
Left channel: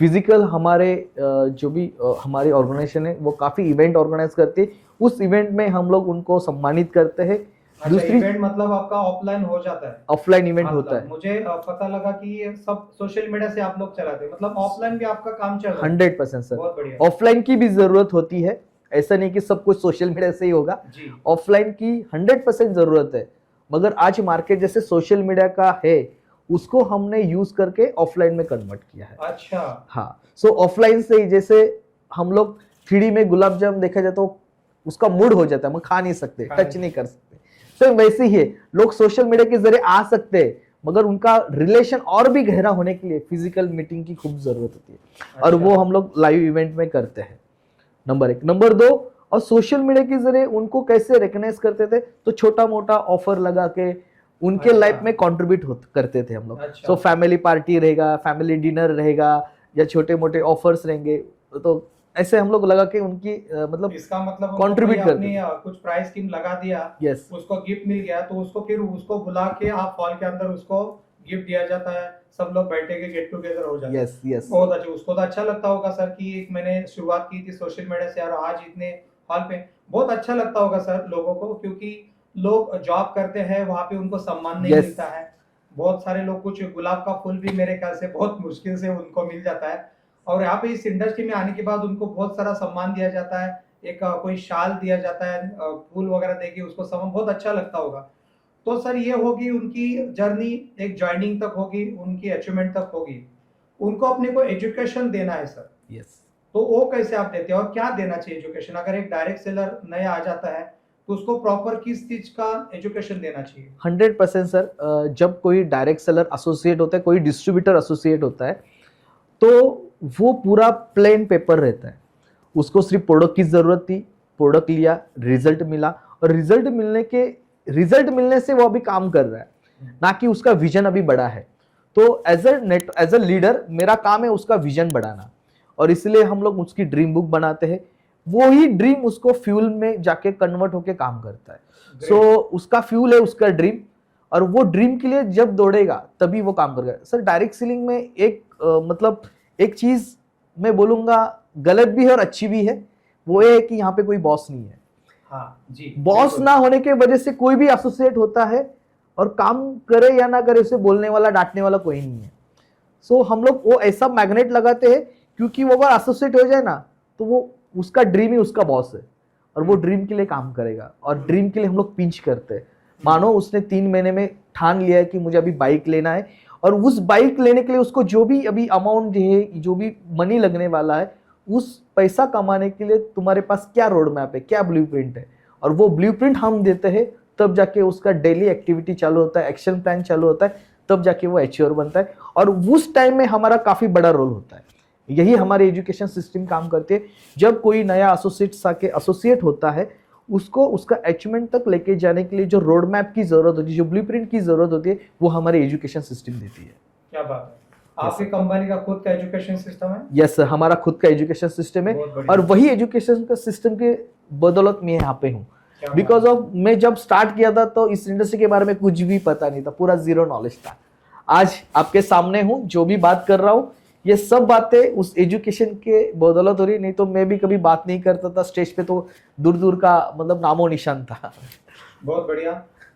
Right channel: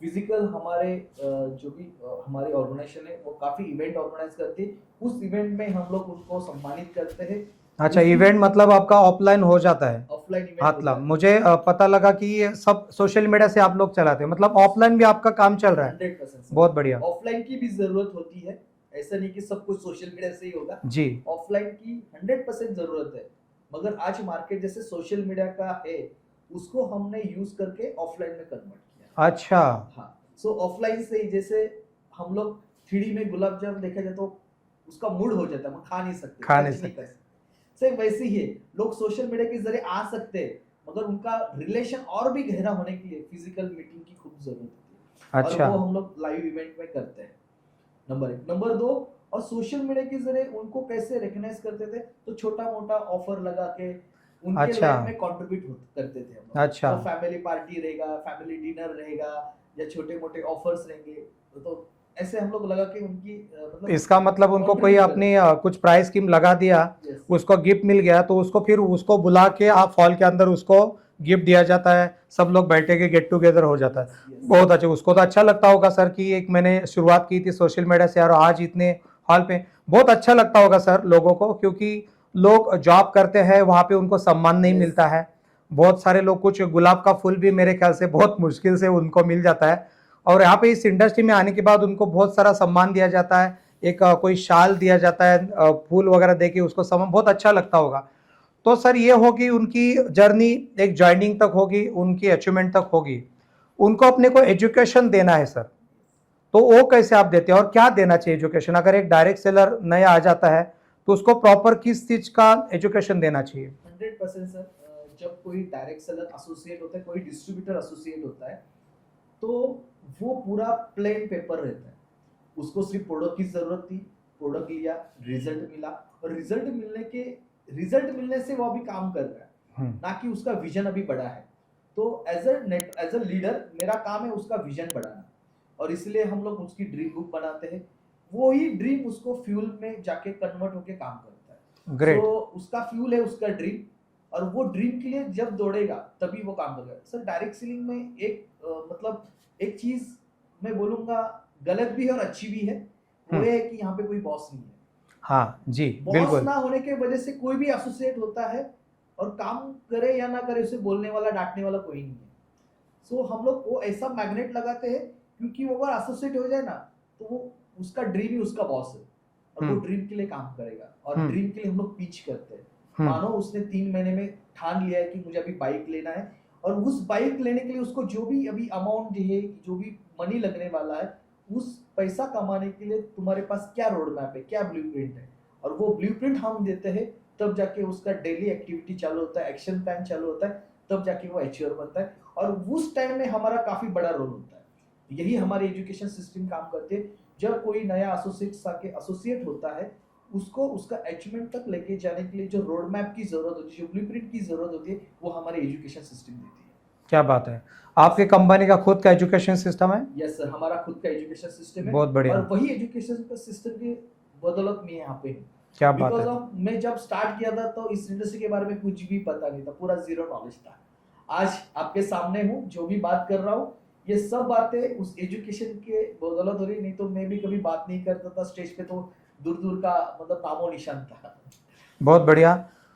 फिजिकल हमारे जो भी हमारी ऑर्गेनाइजेशन है वो काफी इवेंट ऑर्गेनाइज करती है, उस इवेंट में हम लोग उनको सम्मानित करते हैं। अच्छा, इवेंट मतलब आपका ऑफलाइन हो जाता है? ऑफलाइन इवेंट होता है। मुझे पता लगा कि ये सब सोशल मीडिया से आप लोग चलाते हैं, मतलब ऑफलाइन भी आपका काम चल रहा है? 100% सर, बहुत बढ़िया। ऑफलाइन की भी जरूरत होती है, ऐसा नहीं कि सब कुछ सोशल मीडिया से ही होगा जी। ऑफलाइन की 100% जरूरत है, मगर आज मार्केट जैसे सोशल मीडिया का है उसको हमने यूज करके ऑफलाइन में कन्वर्ट किया है। अच्छा, हाँ। सो ऑफलाइन से ही, जैसे हम लोग 3D में गुलाब जामुन देखा जाए तो उसका मूड हो जाता है, हम खा नहीं सकते, टच नहीं कर सकते। सो वैसे ही है, लोग सोशल मीडिया के जरिए आ सकते हैं, मगर उनका रिलेशन और भी गहरा होने के लिए फिजिकल मीटिंग की खूब जरूरत होती है। अच्छा। और वो हम लोग लाइव इवेंट में करते हैं, नंबर 1। नंबर 2, और सोशल मीडिया के जरिए उनको कैसे रिकग्नाइज करते थे, तो छोटा मोटा ऑफर लगा के उनके अच्छा। लाइफ में कंट्रीब्यूट करते थे हम लोग। अच्छा। तो फैमिली पार्टी रहेगा, फैमिली डिनर रहेगा, या छोटे मोटे ऑफर्स रहेंगे, तो ऐसे हम लोग लगा के उनकी मतलब इसका मतलब उनको कोई contribute अपनी कुछ प्राइस स्कीम लगा दिया, Yes. उसको गिफ्ट मिल गया, तो उसको फिर उसको बुला के आप हॉल के अंदर उसको गिफ्ट दिया जाता है, सब लोग बैठे के गेट टुगेदर हो जाता Yes, है। yes. बहुत अच्छा, उसको तो अच्छा लगता होगा सर कि एक मैंने शुरुआत की थी सोशल मीडिया से और आज इतने हॉल पे। बहुत अच्छा लगता होगा सर लोगों को, क्योंकि लोग जॉब करते हैं वहां पे उनको सम्मान नहीं Yes. मिलता है, बहुत सारे लोग, कुछ गुलाब का फूल भी मेरे ख्याल से बहुत मुश्किल से उनको मिल जाता है, और यहाँ पे इस इंडस्ट्री में आने के बाद उनको बहुत सारा सम्मान दिया जाता है, एक कोई शाल दिया जाता है, फूल वगैरह देके उसको सम्मान, बहुत अच्छा लगता होगा। तो सर ये होगी उनकी जर्नी, एक ज्वाइनिंग तक होगी, उनकी अचीवमेंट तक होगी, उनको अपने को एजुकेशन देना है सर, यस तो वो कैसे आप देते हैं और क्या देना चाहिए एजुकेशन? अगर एक डायरेक्ट सेलर नया आ जाता है तो उसको प्रॉपर किस चीज का एजुकेशन देना चाहिए? 100% सर। जब कोई डायरेक्ट सेलर एसोसिएट होता है, कोई डिस्ट्रीब्यूटर एसोसिएट होता है, तो वो पूरा प्लेन पेपर रहता है। उसको सिर्फ प्रोडक्ट की जरूरत थी, प्रोडक्ट लिया, रिजल्ट मिला, और रिजल्ट मिलने से वो अभी काम कर रहा है, ना कि उसका विजन अभी बड़ा है। तो एज अ लीडर मेरा काम है उसका विजन बढ़ाना, और इसलिए हम लोग उसकी ड्रीम बुक बनाते हैं। वो ही ड्रीम उसको फ्यूल में जाके कन्वर्ट होके काम करता है। Great. सो उसका फ्यूल है उसका ड्रीम, और वो ड्रीम के लिए जब दौड़ेगा तभी वो काम करेगा। सर डायरेक्ट सेलिंग में एक मतलब एक चीज मैं बोलूंगा गलत भी है और अच्छी भी है, वो ये है कि यहाँ पे कोई बॉस नहीं है। हाँ जी, बॉस बिल्कुल। ना होने के वजह से कोई भी एसोसिएट होता है, और काम करे या ना करे उसे बोलने वाला डांटने वाला कोई नहीं है। सो हम लोग वो ऐसा मैग्नेट लगाते हैं, क्योंकि वो अगर एसोसिएट हो जाए ना तो वो उसका ड्रीम ही उसका बॉस है, और वो ड्रीम के लिए काम करेगा, और ड्रीम के लिए हम लोग पिंच करते हैं। मानो उसने 3 महीने में ठान लिया है कि मुझे अभी बाइक लेना है, और उस बाइक लेने के लिए उसको जो भी अभी अमाउंट है, जो भी मनी लगने वाला है, उस पैसा कमाने के लिए तुम्हारे पास क्या रोड मैप है, क्या ब्लूप्रिंट है, और वो ब्लूप्रिंट हम देते हैं। तब जाके उसका डेली एक्टिविटी चालू होता है, एक्शन प्लान चालू होता है, तब जाके वो एचीवर बनता है, और उस टाइम में हमारा काफी बड़ा रोल होता है। यही हमारे एजुकेशन सिस्टम काम करते हैं। जब कोई नया एसोसिएट होता है, उसको उसका अचीवमेंट तक लेके जाने के लिए जो रोड मैप की जरूरत होती है, जो ब्लूप्रिंट की जरूरत होती है, वो हमारी एजुकेशन सिस्टम देती है। क्या बात है, आपकी कंपनी का खुद का एजुकेशन सिस्टम है? यस सर, हमारा खुद का एजुकेशन सिस्टम है, बहुत बढ़िया। और वही एजुकेशन का सिस्टम के बदौलत मैं यहाँ पे हूँ। क्या बात बिकॉज है। ऑफ मैं जब स्टार्ट किया था तो इस इंडस्ट्री के बारे में कुछ भी पता नहीं था, पूरा जीरो नॉलेज था। आज आपके सामने हूँ, जो भी बात कर रहा हूँ ये सब बातें उस एजुकेशन के बदौलत हो रही, नहीं तो मैं भी कभी बात नहीं करता था स्टेज पे, तो दूर दूर का मतलब नामो निशान था। बहुत बढ़िया।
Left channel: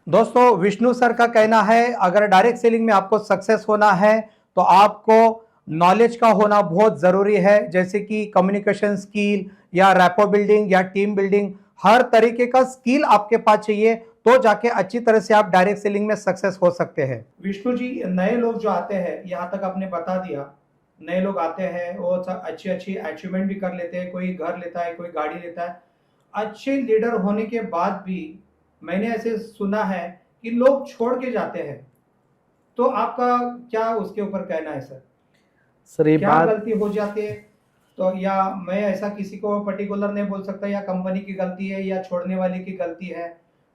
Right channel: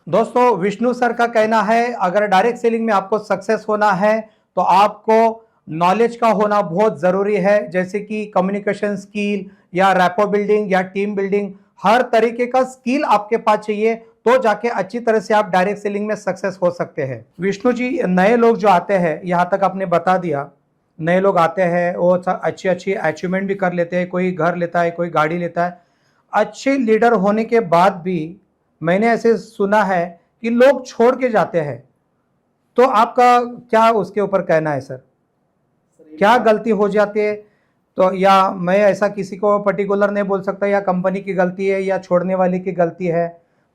दोस्तों, विष्णु सर का कहना है अगर डायरेक्ट सेलिंग में आपको सक्सेस होना है तो आपको नॉलेज का होना बहुत ज़रूरी है, जैसे कि कम्युनिकेशन स्किल या रैपो बिल्डिंग या टीम बिल्डिंग, हर तरीके का स्किल आपके पास चाहिए, तो जाके अच्छी तरह से आप डायरेक्ट सेलिंग में सक्सेस हो सकते हैं। विष्णु जी, नए लोग जो आते हैं, यहाँ तक आपने बता दिया, नए लोग आते हैं वो अच्छी अच्छी अचीवमेंट भी कर लेते हैं, कोई घर लेता है, कोई गाड़ी लेता है, अच्छे लीडर होने के बाद भी मैंने ऐसे सुना है कि लोग छोड़ के जाते हैं, तो आपका क्या उसके ऊपर कहना है सर? सर ये क्या बात गलती हो जाती है? तो या मैं ऐसा किसी को पर्टिकुलर नहीं बोल सकता, या कंपनी की गलती है या छोड़ने वाले की गलती है।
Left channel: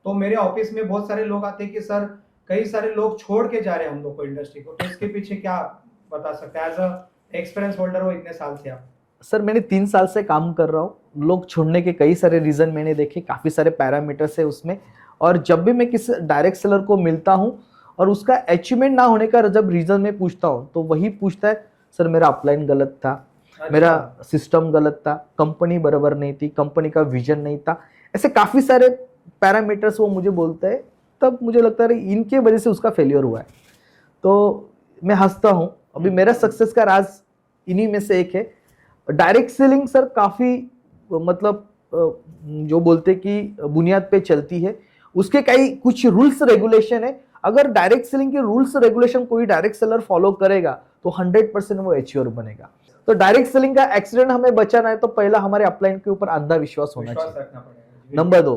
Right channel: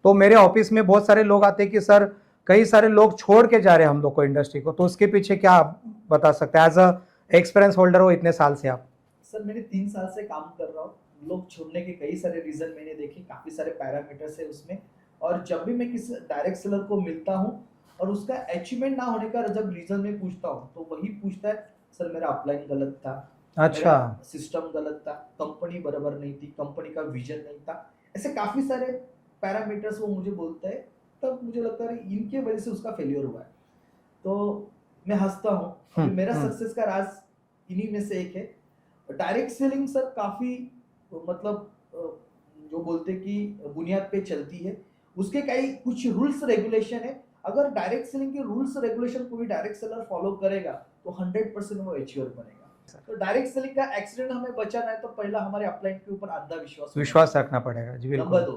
तो मेरे ऑफिस में बहुत सारे लोग आते हैं कि सर कई सारे लोग छोड़ के जा रहे हैं हम लोग को, इंडस्ट्री को, तो उसके पीछे क्या आप बता सकते हैं? एज अ एक्सपीरियंस होल्डर हो इतने साल से आप। सर मैंने 3 साल से काम कर रहा हूँ, लोग छोड़ने के कई सारे रीजन मैंने देखे, काफी सारे पैरामीटर्स है उसमें, और जब भी मैं किसी डायरेक्ट सेलर को मिलता हूँ और उसका अचीवमेंट ना होने का जब रीजन मैं पूछता हूँ, तो वही पूछता है सर मेरा अपलाइन गलत था, अच्छा। मेरा सिस्टम गलत था, कंपनी बराबर नहीं थी, कंपनी का विजन नहीं था, ऐसे काफी सारे पैरामीटर्स वो मुझे बोलते हैं। तब मुझे लगता है इनके वजह से उसका फेलियर हुआ है। तो मैं हंसता हूँ, अभी मेरा सक्सेस का राज इन्हीं में से एक है। डायरेक्ट सेलिंग सर काफी मतलब जो बोलते कि बुनियाद पे चलती है, उसके कई कुछ रूल्स रेगुलेशन है। अगर डायरेक्ट सेलिंग के रूल्स रेगुलेशन कोई डायरेक्ट सेलर फॉलो करेगा तो 100% वो एच्योर बनेगा। तो डायरेक्ट सेलिंग का एक्सीडेंट हमें बचाना है तो पहला हमारे अपलाइन के ऊपर अंधा विश्वास रखना पड़ेगा जी, बिल्कुल। नंबर 2,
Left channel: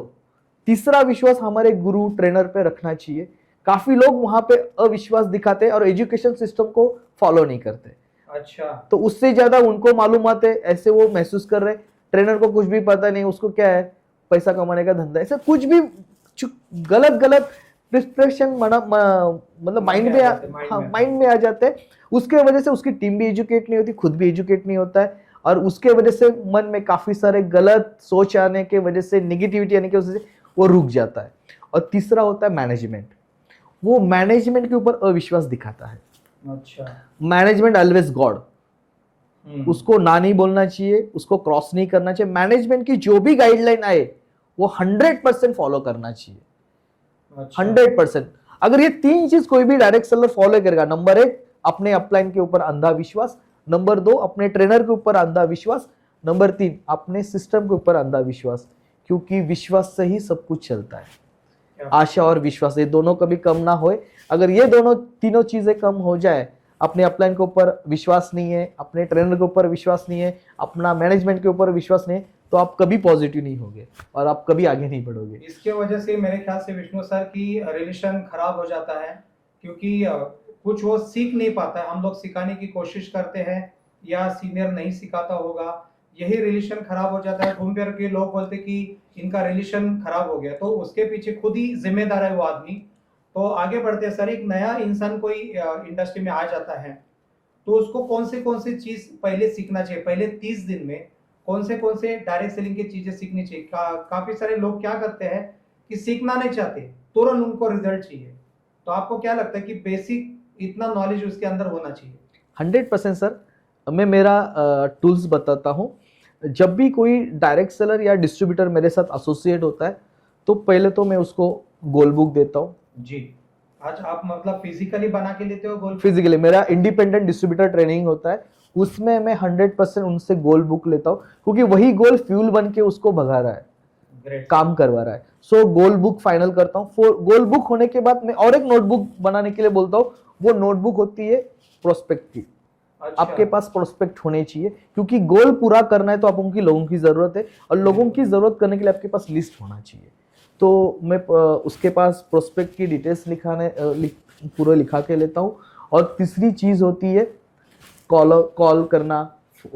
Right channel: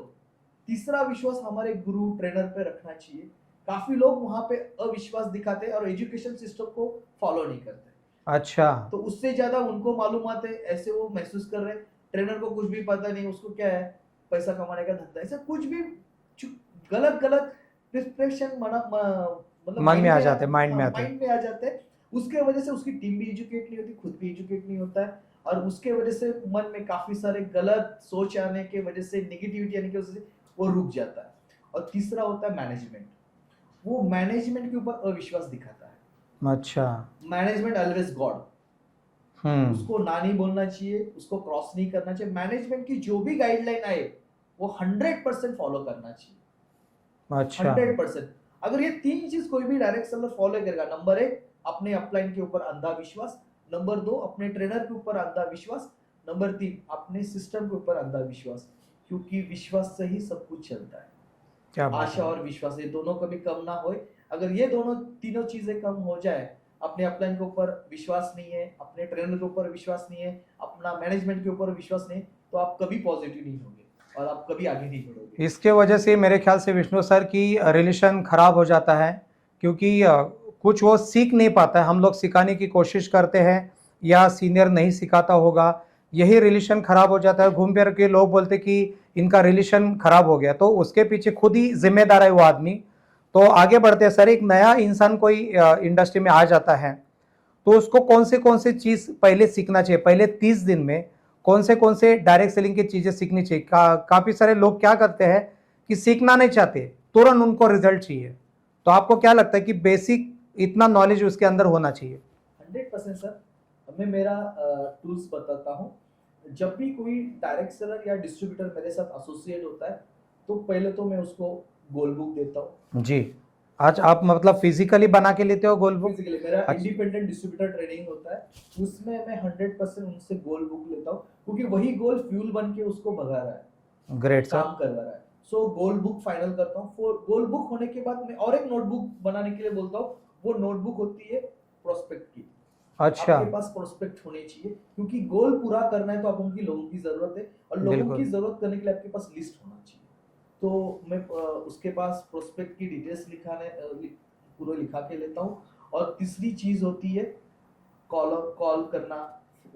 तीसरा विश्वास हमारे गुरु ट्रेनर पे रखना चाहिए। काफी लोग वहां पे अविश्वास दिखाते हैं और एजुकेशन सिस्टम को फॉलो नहीं करते। अच्छा। तो उससे ज्यादा उनको मालूमात है, ऐसे वो महसूस कर रहे, ट्रेनर को कुछ भी पता नहीं, उसको क्या है पैसा कमाने का धंधा, ऐसे कुछ भी गलत प्रिस्क्रिप्शन मतलब माइंड में आ जाते हैं। उसके वजह से उसकी टीम भी एजुकेट नहीं होती, खुद भी एजुकेट नहीं होता है, और उसके वजह से मन में काफी सारे गलत सोच आने के वजह से, निगेटिविटी आने की वजह से वो रुक जाता है। और तीसरा होता है मैनेजमेंट, वो मैनेजमेंट के ऊपर अविश्वास दिखाता है। अच्छा। मैनेजमेंट ऑलवेज गॉड, उसको ना नहीं बोलना चाहिए, उसको क्रॉस नहीं करना चाहिए। मैनेजमेंट की जो भी गाइडलाइन आए वो 100% फॉलो करना चाहिए। अच्छा। 100%। अगर ये 3 चीज कोई भी डायरेक्ट सेलर फॉलो करेगा, नंबर 1 अपने अपलाइन के ऊपर अंधा विश्वास, नंबर 2 अपने ट्रेनर के ऊपर अंधा विश्वास, नंबर 3 अपने सिस्टम के ऊपर अंधा विश्वास, क्योंकि विश्वास से ही सब कुछ चलता है। क्या बात आशा और विश्वास, ये दोनों कभी कम ना होए। अगर ये दोनों तीनों चीजें कम हो जाए, अपने अपलाइन के ऊपर विश्वास नहीं है, अपने ट्रेनर के ऊपर विश्वास नहीं है, अपना मैनेजमेंट के ऊपर विश्वास नहीं है, तो आप कभी पॉजिटिव नहीं होगे और आप कभी आगे नहीं बढ़ोगे। इसके वजह से मेरे ख्याल से विष्णु सर की रिलेशन खराब हो जाता है, क्योंकि कुछ वो सीख नहीं पाता है। हम लोग सिखाने की कोशिश करते हैं या सीनियर नहीं सिखाता होगा, यही रिलेशन खराब हो जाता है। घूम फिर के लोग बोलते कि इनका रिलेशन खराब हो गया, तो उसके पीछे खुद ही जिम्मेदार है वो आदमी। तो आगे बढ़ते हैं सर, एक नया इंसान कोई इंडस्ट्री में आ जाता है तो उसको कौन से चीज पहले सीखना चाहिए? पहले 30 दिन में कौन से डायरेक्ट सेलिंग की चीजें सीखनी चाहिए? काफी सारे लोग क्या करते हैं कि सीखना नहीं चाहते, तुरंत उनको रिजल्ट चाहिए। तो आपको क्या लगता है कि बेसिक इतना नॉलेज उसके अंदर होना चाहिए? 100% सर, मैं मेरा टूल्स बताता हूँ। जब भी कोई डायरेक्ट सेलर या डिस्ट्रीब्यूटर मेरे साथ एसोसिएट होता है, तो पहले तो मैं उसको गोल बुक देता हूँ। जी, आज आप मतलब फिजिकली बना के लेते हो गोल? फिजिकली मेरा इंडिपेंडेंट डिस्ट्रीब्यूटर ट्रेनिंग होता है, उसमें मैं 100% उनसे गोल बुक लेता हूँ, क्योंकि वही गोल फ्यूल बन के उसको भगा रहा है, ग्रेट, काम करवा रहा है। सो गोल बुक फाइनल करता हूँ। गोल बुक होने के बाद मैं और एक नोटबुक बनाने के लिए बोलता हूँ। वो नोटबुक होती है प्रोस्पेक्ट की। अच्छा, आपके पास प्रोस्पेक्ट होने चाहिए, क्योंकि गोल पूरा करना है तो आपको लोगों की जरूरत है, और लोगों की जरूरत करने के लिए आपके पास लिस्ट होना चाहिए। तो मैं उसके पास प्रोस्पेक्ट की डिटेल्स पूरा लिखा के लेता हूँ। और तीसरी चीज होती है कॉल करना,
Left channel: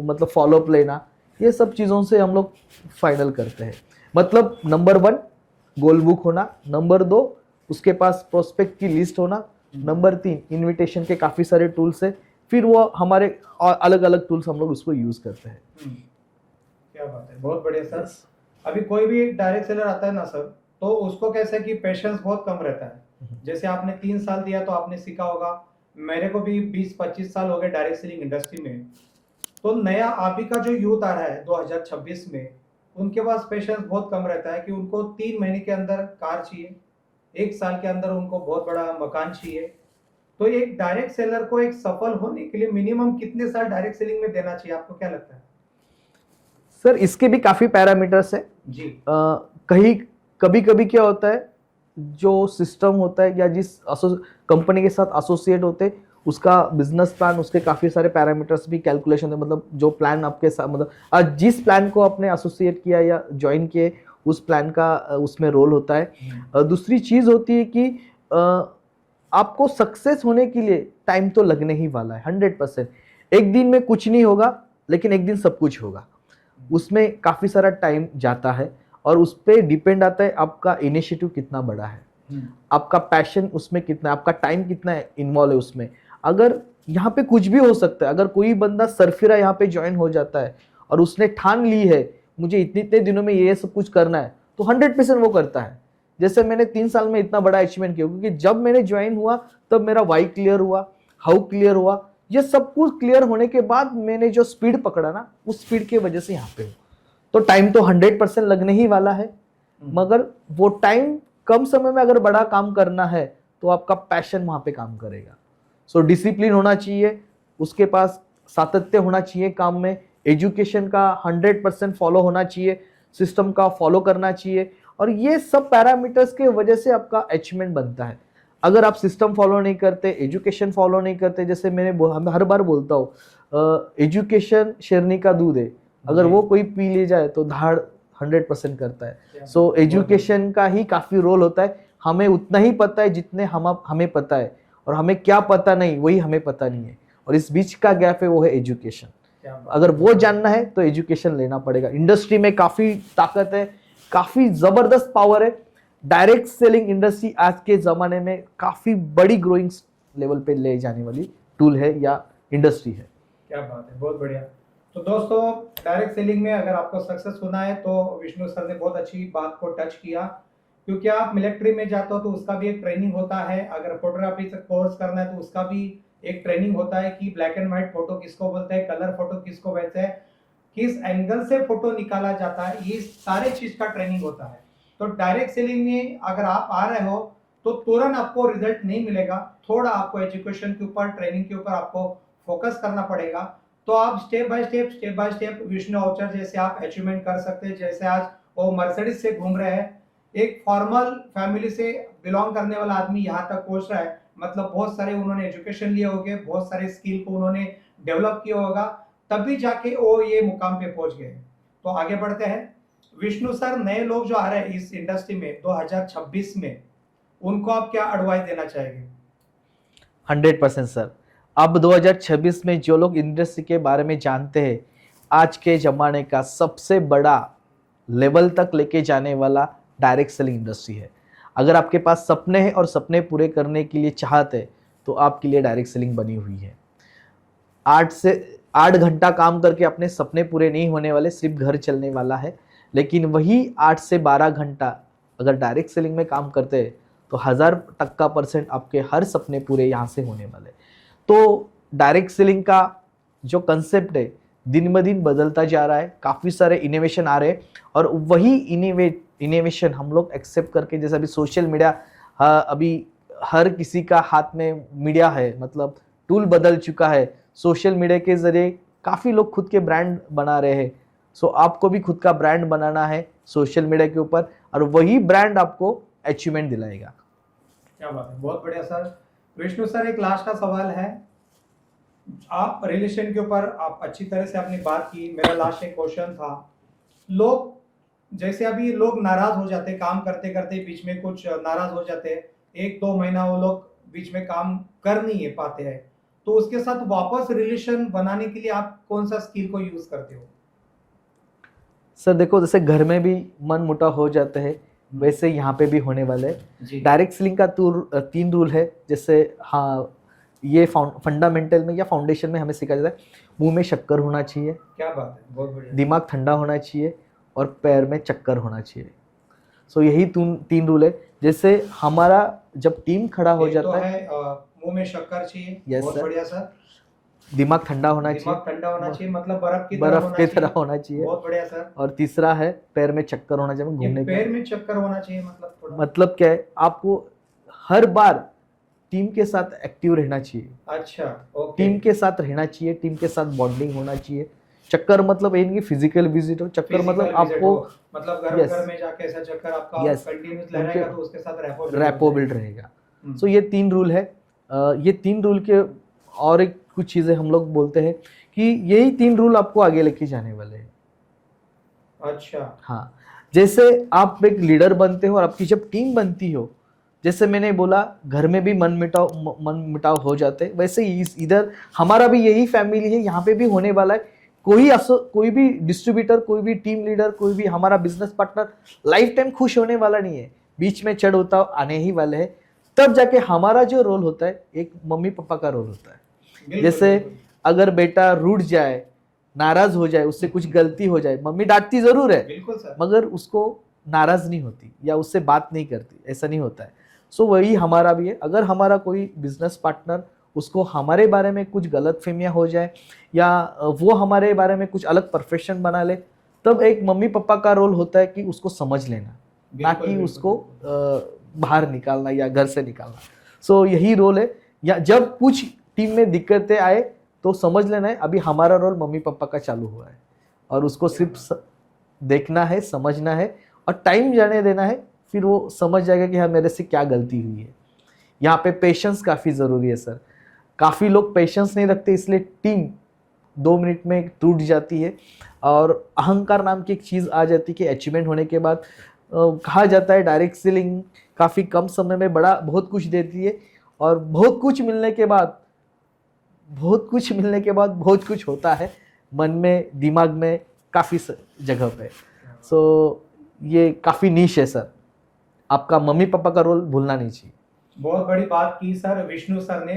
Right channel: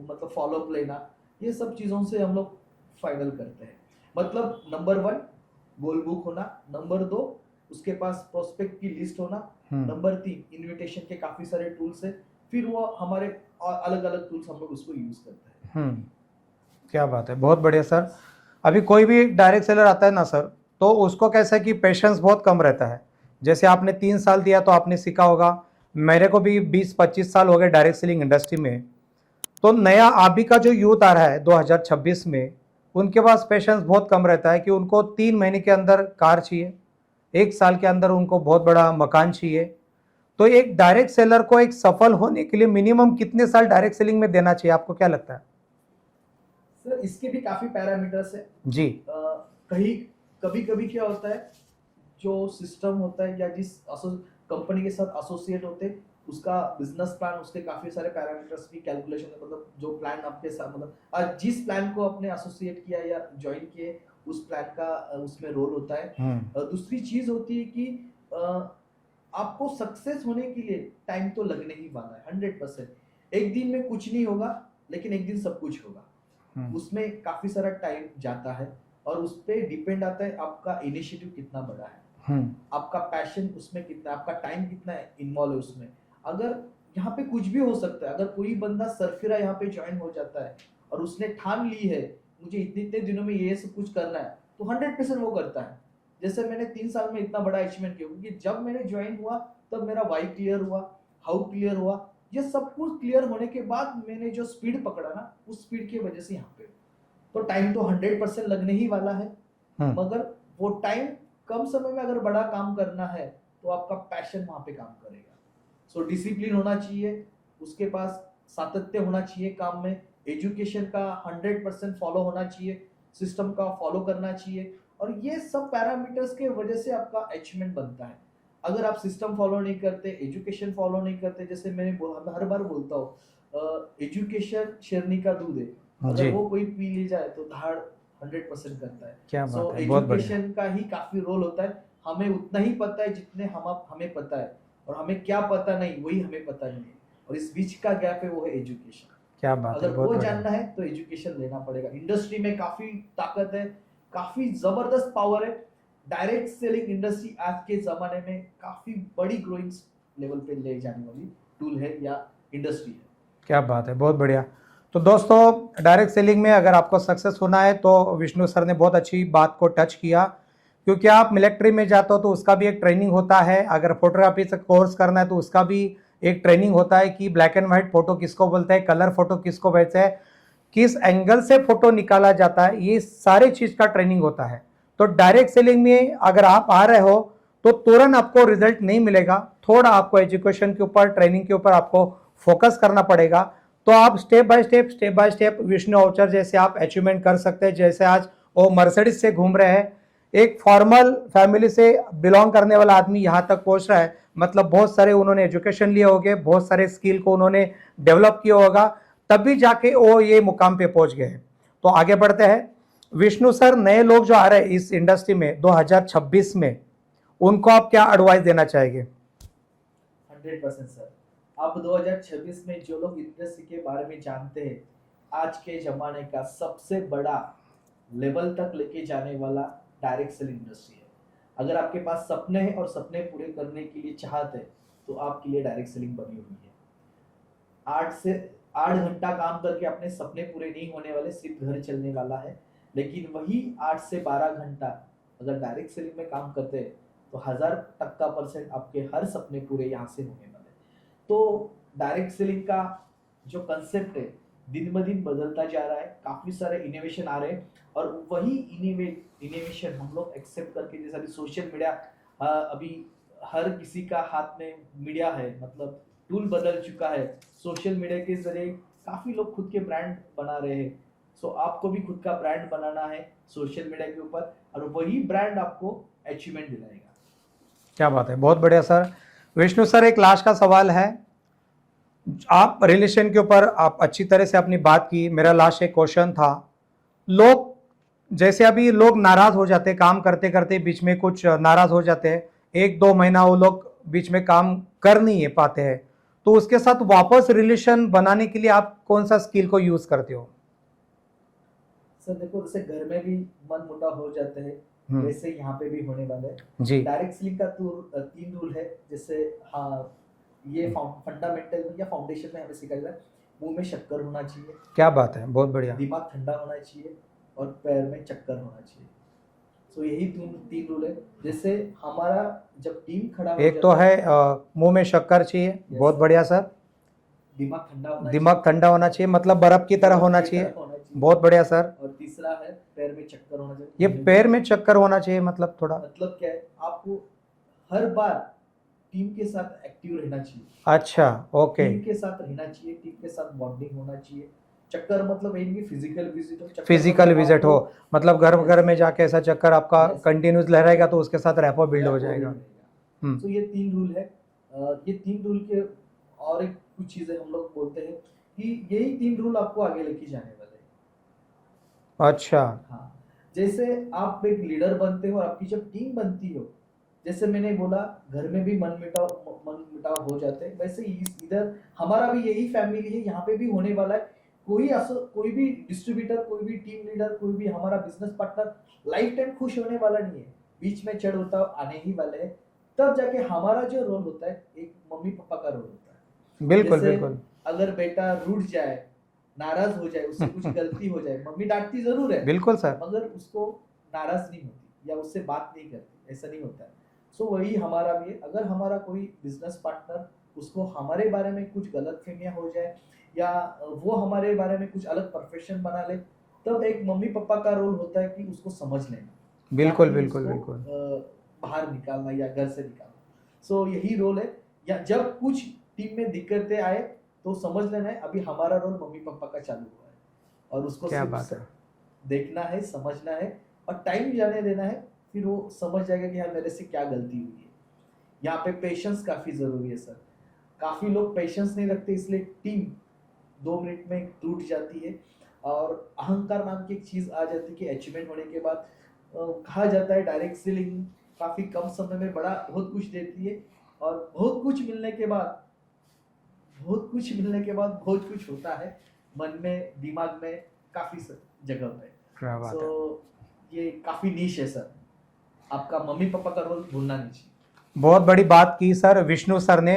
मतलब फॉलोअप लेना। ये सब चीजों से हम लोग फाइनल करते हैं। मतलब नंबर 1 गोल बुक होना, नंबर 2 उसके पास प्रोस्पेक्ट की लिस्ट होना, नंबर 3 इनविटेशन के काफी सारे टूल्स है, फिर वो हमारे अलग अलग टूल्स हम लोग उसको यूज करते हैं। क्या बात है, बहुत बढ़िया सर। अभी कोई भी डायरेक्ट सेलर आता है ना सर, तो उसको कैसा है कि पेशेंस बहुत कम रहता है। जैसे आपने 3 साल दिया तो आपने सीखा होगा, मेरे को भी 20-25 साल हो गए डायरेक्ट सेलिंग इंडस्ट्री में। तो नया अभी का जो यूथ आ रहा है 2026 में, उनके पास पेशेंस बहुत कम रहता है कि उनको 3 महीने के अंदर कार चाहिए, 1 साल के अंदर उनको बहुत बड़ा मकान चाहिए। तो एक डायरेक्ट सेलर को एक सफल होने के लिए मिनिमम कितने साल डायरेक्ट सेलिंग में देना चाहिए, आपको क्या लगता है? सर इसके भी काफी पैरामीटर्स है जी। कहीं कभी कभी क्या होता है, जो सिस्टम होता है या जिस कंपनी के साथ एसोसिएट होते हैं, उसका बिजनेस प्लान, उसके काफी सारे पैरामीटर्स भी कैलकुलेशन है। मतलब जो प्लान आपके साथ, मतलब जिस प्लान को आपने एसोसिएट किया या ज्वाइन किए, उस प्लान का उसमें रोल होता है। दूसरी चीज होती है कि आपको सक्सेस होने के लिए टाइम तो लगने ही वाला है 100%। एक दिन में कुछ नहीं होगा, लेकिन एक दिन सब कुछ होगा। उसमें काफी सारा टाइम जाता है, और उस पर डिपेंड आता है आपका इनिशिएटिव कितना बड़ा है, आपका पैशन उसमें कितना है, आपका टाइम कितना इन्वॉल्व है उसमें। अगर यहाँ पे कुछ भी हो सकता है, अगर कोई बंदा सरफिरा यहाँ पे ज्वाइन हो जाता है और उसने ठान ली है मुझे इतने इतने दिनों में ये सब कुछ करना है, तो 100% वो करता है। जैसे मैंने 3 साल में इतना बड़ा अचीवमेंट किया, क्योंकि जब मैंने ज्वाइन हुआ तब मेरा वाई क्लियर हुआ, हाउ क्लियर हुआ, ये सब कुछ क्लियर होने के बाद मैंने जो स्पीड पकड़ा ना, उस स्पीड की वजह से यहाँ पे हूँ। तो टाइम तो 100% लगने ही वाला है, मगर वो टाइम कम समय में अगर बड़ा काम करना है तो आपका पैशन वहां पे काम करेगा। सो डिसिप्लिन होना चाहिए, उसके पास सातत्य होना चाहिए काम में, एजुकेशन का 100% फॉलो होना चाहिए, सिस्टम का फॉलो करना चाहिए, और ये सब पैरामीटर्स के वजह से आपका अचीवमेंट बनता है। अगर आप सिस्टम फॉलो नहीं करते, एजुकेशन फॉलो नहीं करते, जैसे मैंने हर बार बोलता हूँ, एजुकेशन शेरनी का दूध है, अगर वो कोई पी ले जाए तो धाड़ 100% करता है। सो एजुकेशन का ही काफी रोल होता है। हमें उतना ही पता है जितने हमें पता है, और हमें क्या पता नहीं वही हमें पता नहीं है, और इस बीच का गैप है, वो है एजुकेशन। क्या बात, अगर वो जानना है तो एजुकेशन लेना पड़ेगा। इंडस्ट्री में काफी ताकत है, काफी जबरदस्त पावर है। डायरेक्ट सेलिंग इंडस्ट्री आज के जमाने में काफी बड़ी ग्रोइंग लेवल पे ले जाने वाली टूल है या इंडस्ट्री है। क्या बात है, बहुत बढ़िया। तो दोस्तों, डायरेक्ट सेलिंग में अगर आपको सक्सेस होना है तो विष्णु सर ने बहुत अच्छी बात को टच किया, क्योंकि आप मिलिट्री में जाते हो तो उसका भी एक ट्रेनिंग होता है। अगर फोटोग्राफी से कोर्स करना है तो उसका भी एक ट्रेनिंग होता है कि ब्लैक एंड व्हाइट फोटो किसको बोलते हैं, कलर फोटो किसको बोलते हैं, किस एंगल से फोटो निकाला जाता है, ये सारे चीज का ट्रेनिंग होता है। तो डायरेक्ट सेलिंग में अगर आप आ रहे हो तो तुरंत आपको रिजल्ट नहीं मिलेगा, थोड़ा आपको एजुकेशन के ऊपर, ट्रेनिंग के ऊपर आपको फोकस करना पड़ेगा। तो आप स्टेप बाय स्टेप विष्णु अवचर जैसे आप अचीवमेंट कर सकते हैं। जैसे आज वो मर्सिडीज से घूम रहे हैं, एक फॉर्मल फैमिली से बिलोंग करने वाला आदमी यहाँ तक पहुंच रहा है, मतलब बहुत सारे उन्होंने एजुकेशन लिए होंगे, बहुत सारे स्किल को उन्होंने डेवलप किया होगा, तभी जाके वो ये मुकाम पे पहुंच गए। तो आगे बढ़ते हैं। विष्णु सर, नए लोग जो आ रहे हैं इस इंडस्ट्री में 2026 में, उनको आप क्या एडवाइस देना चाहेंगे? 100% सर। अब 2026 में जो लोग इंडस्ट्री के बारे में जानते हैं, आज के जमाने का सबसे बड़ा लेवल तक लेके जाने वाला डायरेक्ट सेलिंग इंडस्ट्री है। अगर आपके पास सपने हैं और सपने पूरे करने के लिए चाहते हैं, तो आपके लिए डायरेक्ट सेलिंग बनी हुई है। 8 घंटा काम करके अपने सपने पूरे नहीं होने वाले, सिर्फ घर चलने वाला है। लेकिन वही 8 से 12 घंटा अगर डायरेक्ट सेलिंग में काम करते हैं, तो 1000% आपके हर सपने पूरे यहाँ से होने वाले। तो डायरेक्ट सेलिंग का जो कंसेप्ट है दिन ब दिन बदलता जा रहा है, काफ़ी सारे इनोवेशन आ रहे हैं, और वही इनोवेशन हम लोग एक्सेप्ट करके, जैसे अभी सोशल मीडिया, अभी हर किसी का हाथ में मीडिया है, मतलब टूल बदल चुका है। सोशल मीडिया के जरिए काफ़ी लोग खुद के ब्रांड बना रहे हैं। सो आपको भी खुद का ब्रांड बनाना है सोशल मीडिया के ऊपर, और वही ब्रांड आपको अचीवमेंट दिलाएगा। क्या बात है, बहुत बढ़िया सर। विष्णु सर, एक लास्ट का सवाल है। आप रिलेशन के ऊपर आप अच्छी तरह से अपनी बात की। मेरा लास्ट एक क्वेश्चन था, लोग जैसे अभी लोग नाराज हो जाते हैं, काम करते करते बीच में कुछ नाराज हो जाते हैं, 1-2 महीना वो लोग बीच में काम कर नहीं पाते हैं, तो उसके साथ वापस रिलेशन बनाने के लिए आप कौन सा स्किल को यूज करते हो? सर देखो, जैसे घर में भी मन मुटाव हो जाते हैं, वैसे यहाँ पे भी होने वाले हैं। जी। डायरेक्ट सेलिंग का 3 रूल है। जैसे हाँ, ये फंडामेंटल में या फाउंडेशन में हमें सिखाया जाता है, मुंह में शक्कर होना चाहिए, क्या बात है, बहुत बढ़िया। दिमाग ठंडा होना चाहिए, और पैर में चक्कर होना चाहिए। सो यही 3 रूल है। जैसे हमारा जब टीम खड़ा हो एक तो जाता है, है मुंह में शक्कर चाहिए, Yes, बहुत sir। बढ़िया सर। दिमाग ठंडा होना दिमाग ठंडा होना चाहिए, मतलब बर्फ की तरह बर्फ होना की चाहिए, तरह होना चाहिए। बहुत बढ़िया सर। और तीसरा है पैर में चक्कर होना चाहिए। ये घूमने पैर का में चक्कर होना चाहिए मतलब थोड़ा मतलब क्या है, आपको हर बार टीम के साथ एक्टिव रहना चाहिए, अच्छा, ओके। टीम के साथ रहना चाहिए, टीम के साथ बॉन्डिंग होना चाहिए। चक्कर मतलब ये नहीं कि फिजिकल विजिट हो, चक्कर फिजिकल मतलब विजिट हो, आपको मतलब घर Yes। घर में जाके ऐसा चक्कर आपका Yes। कंटिन्यूस लहराएगा, तो उसके साथ रैपो बिल्ड हो रैपो बिल्ड जाएगा। रहेगा। सो ये 3 रूल है। ये 3 रूल के और एक कुछ चीजें हम लोग बोलते हैं कि यही 3 रूल आपको आगे लेके जाने वाले हैं। अच्छा, हाँ, जैसे आप एक लीडर बनते हो और आपकी जब टीम बनती हो, जैसे मैंने बोला घर में भी मन मिटाव हो जाते हैं, वैसे ही इधर हमारा भी यही फैमिली है, यहाँ पे भी होने वाला है। कोई भी डिस्ट्रीब्यूटर, कोई भी टीम लीडर, कोई भी हमारा बिजनेस पार्टनर लाइफ टाइम खुश होने वाला नहीं है, बीच में चढ़ उतार आने ही वाले हैं। तब जाके हमारा जो रोल होता है, एक मम्मी पापा का रोल होता है। बिल्कुल जैसे बिल्कुल। अगर बेटा रूठ जाए, नाराज हो जाए, उससे कुछ गलती हो जाए, मम्मी डांटती जरूर है, बिल्कुल सर। मगर उसको नाराज नहीं होती या उससे बात नहीं करती, ऐसा नहीं होता है। सो वही हमारा भी है। अगर हमारा कोई बिजनेस पार्टनर, उसको हमारे बारे में कुछ गलत फहमियाँ हो जाए, या वो हमारे बारे में कुछ अलग परफेक्शन बना ले, तब एक मम्मी पापा का रोल होता है कि उसको समझ लेना, बिल्कुल ताकि बिल्कुल उसको बिल्कुल। बाहर निकालना या घर से निकालना। सो यही रोल है। या जब कुछ टीम में दिक्कतें आए, तो समझ लेना है अभी हमारा रोल मम्मी पापा का चालू हुआ है, और उसको क्या सिर्फ बात है। देखना है, समझना है, और टाइम जाने देना है। फिर वो समझ जाएगा कि हाँ, मेरे से क्या गलती हुई है। यहाँ पे पेशेंस काफ़ी ज़रूरी है सर। काफ़ी लोग पेशेंस नहीं रखते, इसलिए टीम 2 मिनट में टूट जाती है, और अहंकार नाम की एक चीज़ आ जाती है कि अचीवमेंट होने के बाद कहा जाता है डायरेक्ट सेलिंग काफ़ी कम समय में बहुत कुछ देती है, और बहुत कुछ मिलने के बाद बहुत कुछ होता है मन में, दिमाग में, काफ़ी जगह पे। क्या बात है। सो ये काफ़ी नीश है सर। आपका मम्मी पापा का रोल भूलना नहीं चाहिए। बहुत बड़ी बात की सर विष्णु सर ने।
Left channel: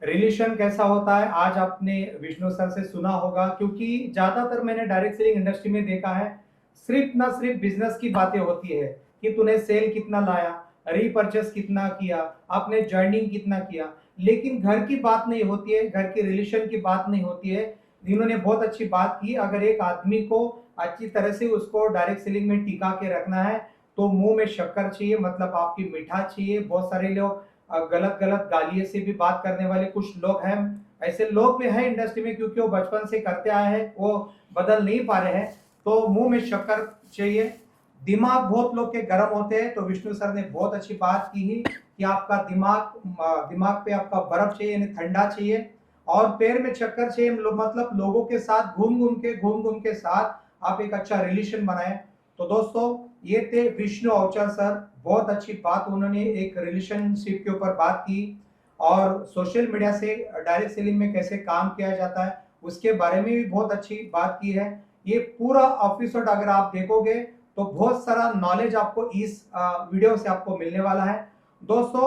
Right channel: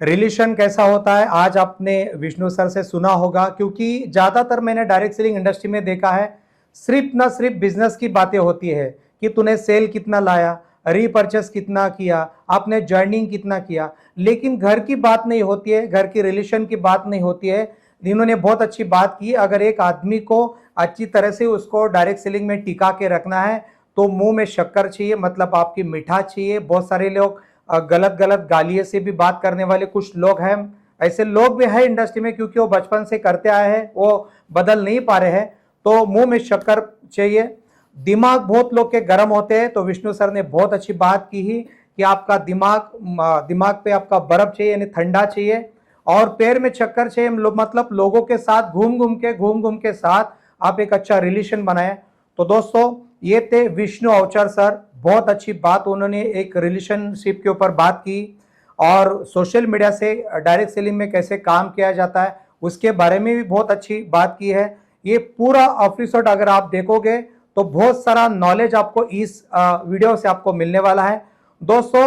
रिलेशन कैसा होता है आज आपने विष्णु सर से सुना होगा, क्योंकि ज्यादातर मैंने डायरेक्ट सेलिंग इंडस्ट्री में देखा है, सिर्फ बिजनेस की बातें होती है कि तूने सेल कितना लाया, रीपर्चेस कितना किया, आपने ज्वाइनिंग कितना किया, लेकिन घर की बात नहीं होती है, घर की रिलेशन की बात नहीं होती है। इन्होंने बहुत अच्छी बात की, अगर एक आदमी को अच्छी तरह से उसको डायरेक्ट सेलिंग में टिका के रखना है, तो मुंह में शक्कर चाहिए, मतलब आपकी मीठा चाहिए। बहुत सारे लोग गलत गलत गालियों से भी बात करने वाले कुछ लोग हैं, ऐसे लोग भी है इंडस्ट्री में, क्योंकि वो बचपन से करते आए हैं, वो बदल नहीं पा रहे हैं। तो मुंह में शक्कर चाहिए। दिमाग बहुत लोग के गर्म होते हैं, तो विष्णु सर ने बहुत अच्छी बात की ही कि आपका दिमाग पे आपका बर्फ चाहिए, यानी ठंडा चाहिए। और पैर में चक्कर चाहिए, मतलब लोगों के साथ घूम घूम के साथ आप एक अच्छा रिलेशन बनाए। तो दोस्तों ये थे विष्णु अवचर सर, बहुत अच्छी बात उन्होंने एक रिलेशनशिप के ऊपर बात की, और सोशल मीडिया से डायरेक्ट सेलिंग में कैसे काम किया जाता है उसके बारे में भी बहुत अच्छी बात की है। ये पूरा एपिसोड अगर आप देखोगे तो बहुत सारा नॉलेज आपको इस वीडियो से आपको मिलने वाला है। दोस्तों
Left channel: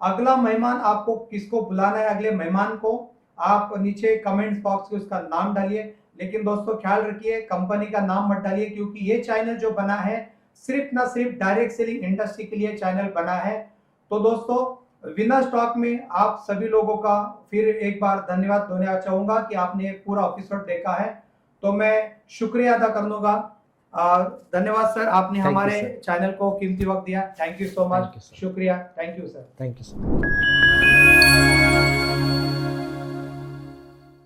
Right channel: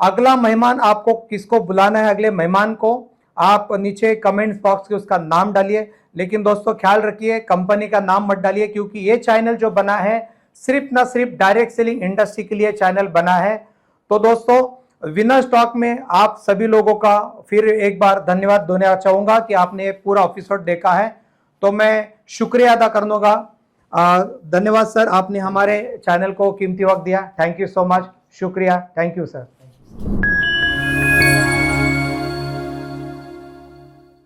अगला मेहमान आपको किसको बुलाना है, अगले मेहमान को आप नीचे कमेंट बॉक्स में उसका नाम डालिए। लेकिन दोस्तों ख्याल रखिए कंपनी का नाम मत डालिए, क्योंकि ये चैनल जो बना है सिर्फ ना सिर्फ डायरेक्ट सेलिंग इंडस्ट्री के लिए चैनल बना है। तो दोस्तों विनर स्टॉक में आप सभी लोगों का फिर एक बार धन्यवाद देना चाहूंगा कि आपने पूरा एपिसोड देखा है। तो मैं शुक्रिया अदा करूंगा। धन्यवाद सर, आपने Thank you, हमारे sir. चैनल को कीमती वक्त दिया। Thank you so much. Thank you, sir. शुक्रिया, thank you sir. Thank you sir.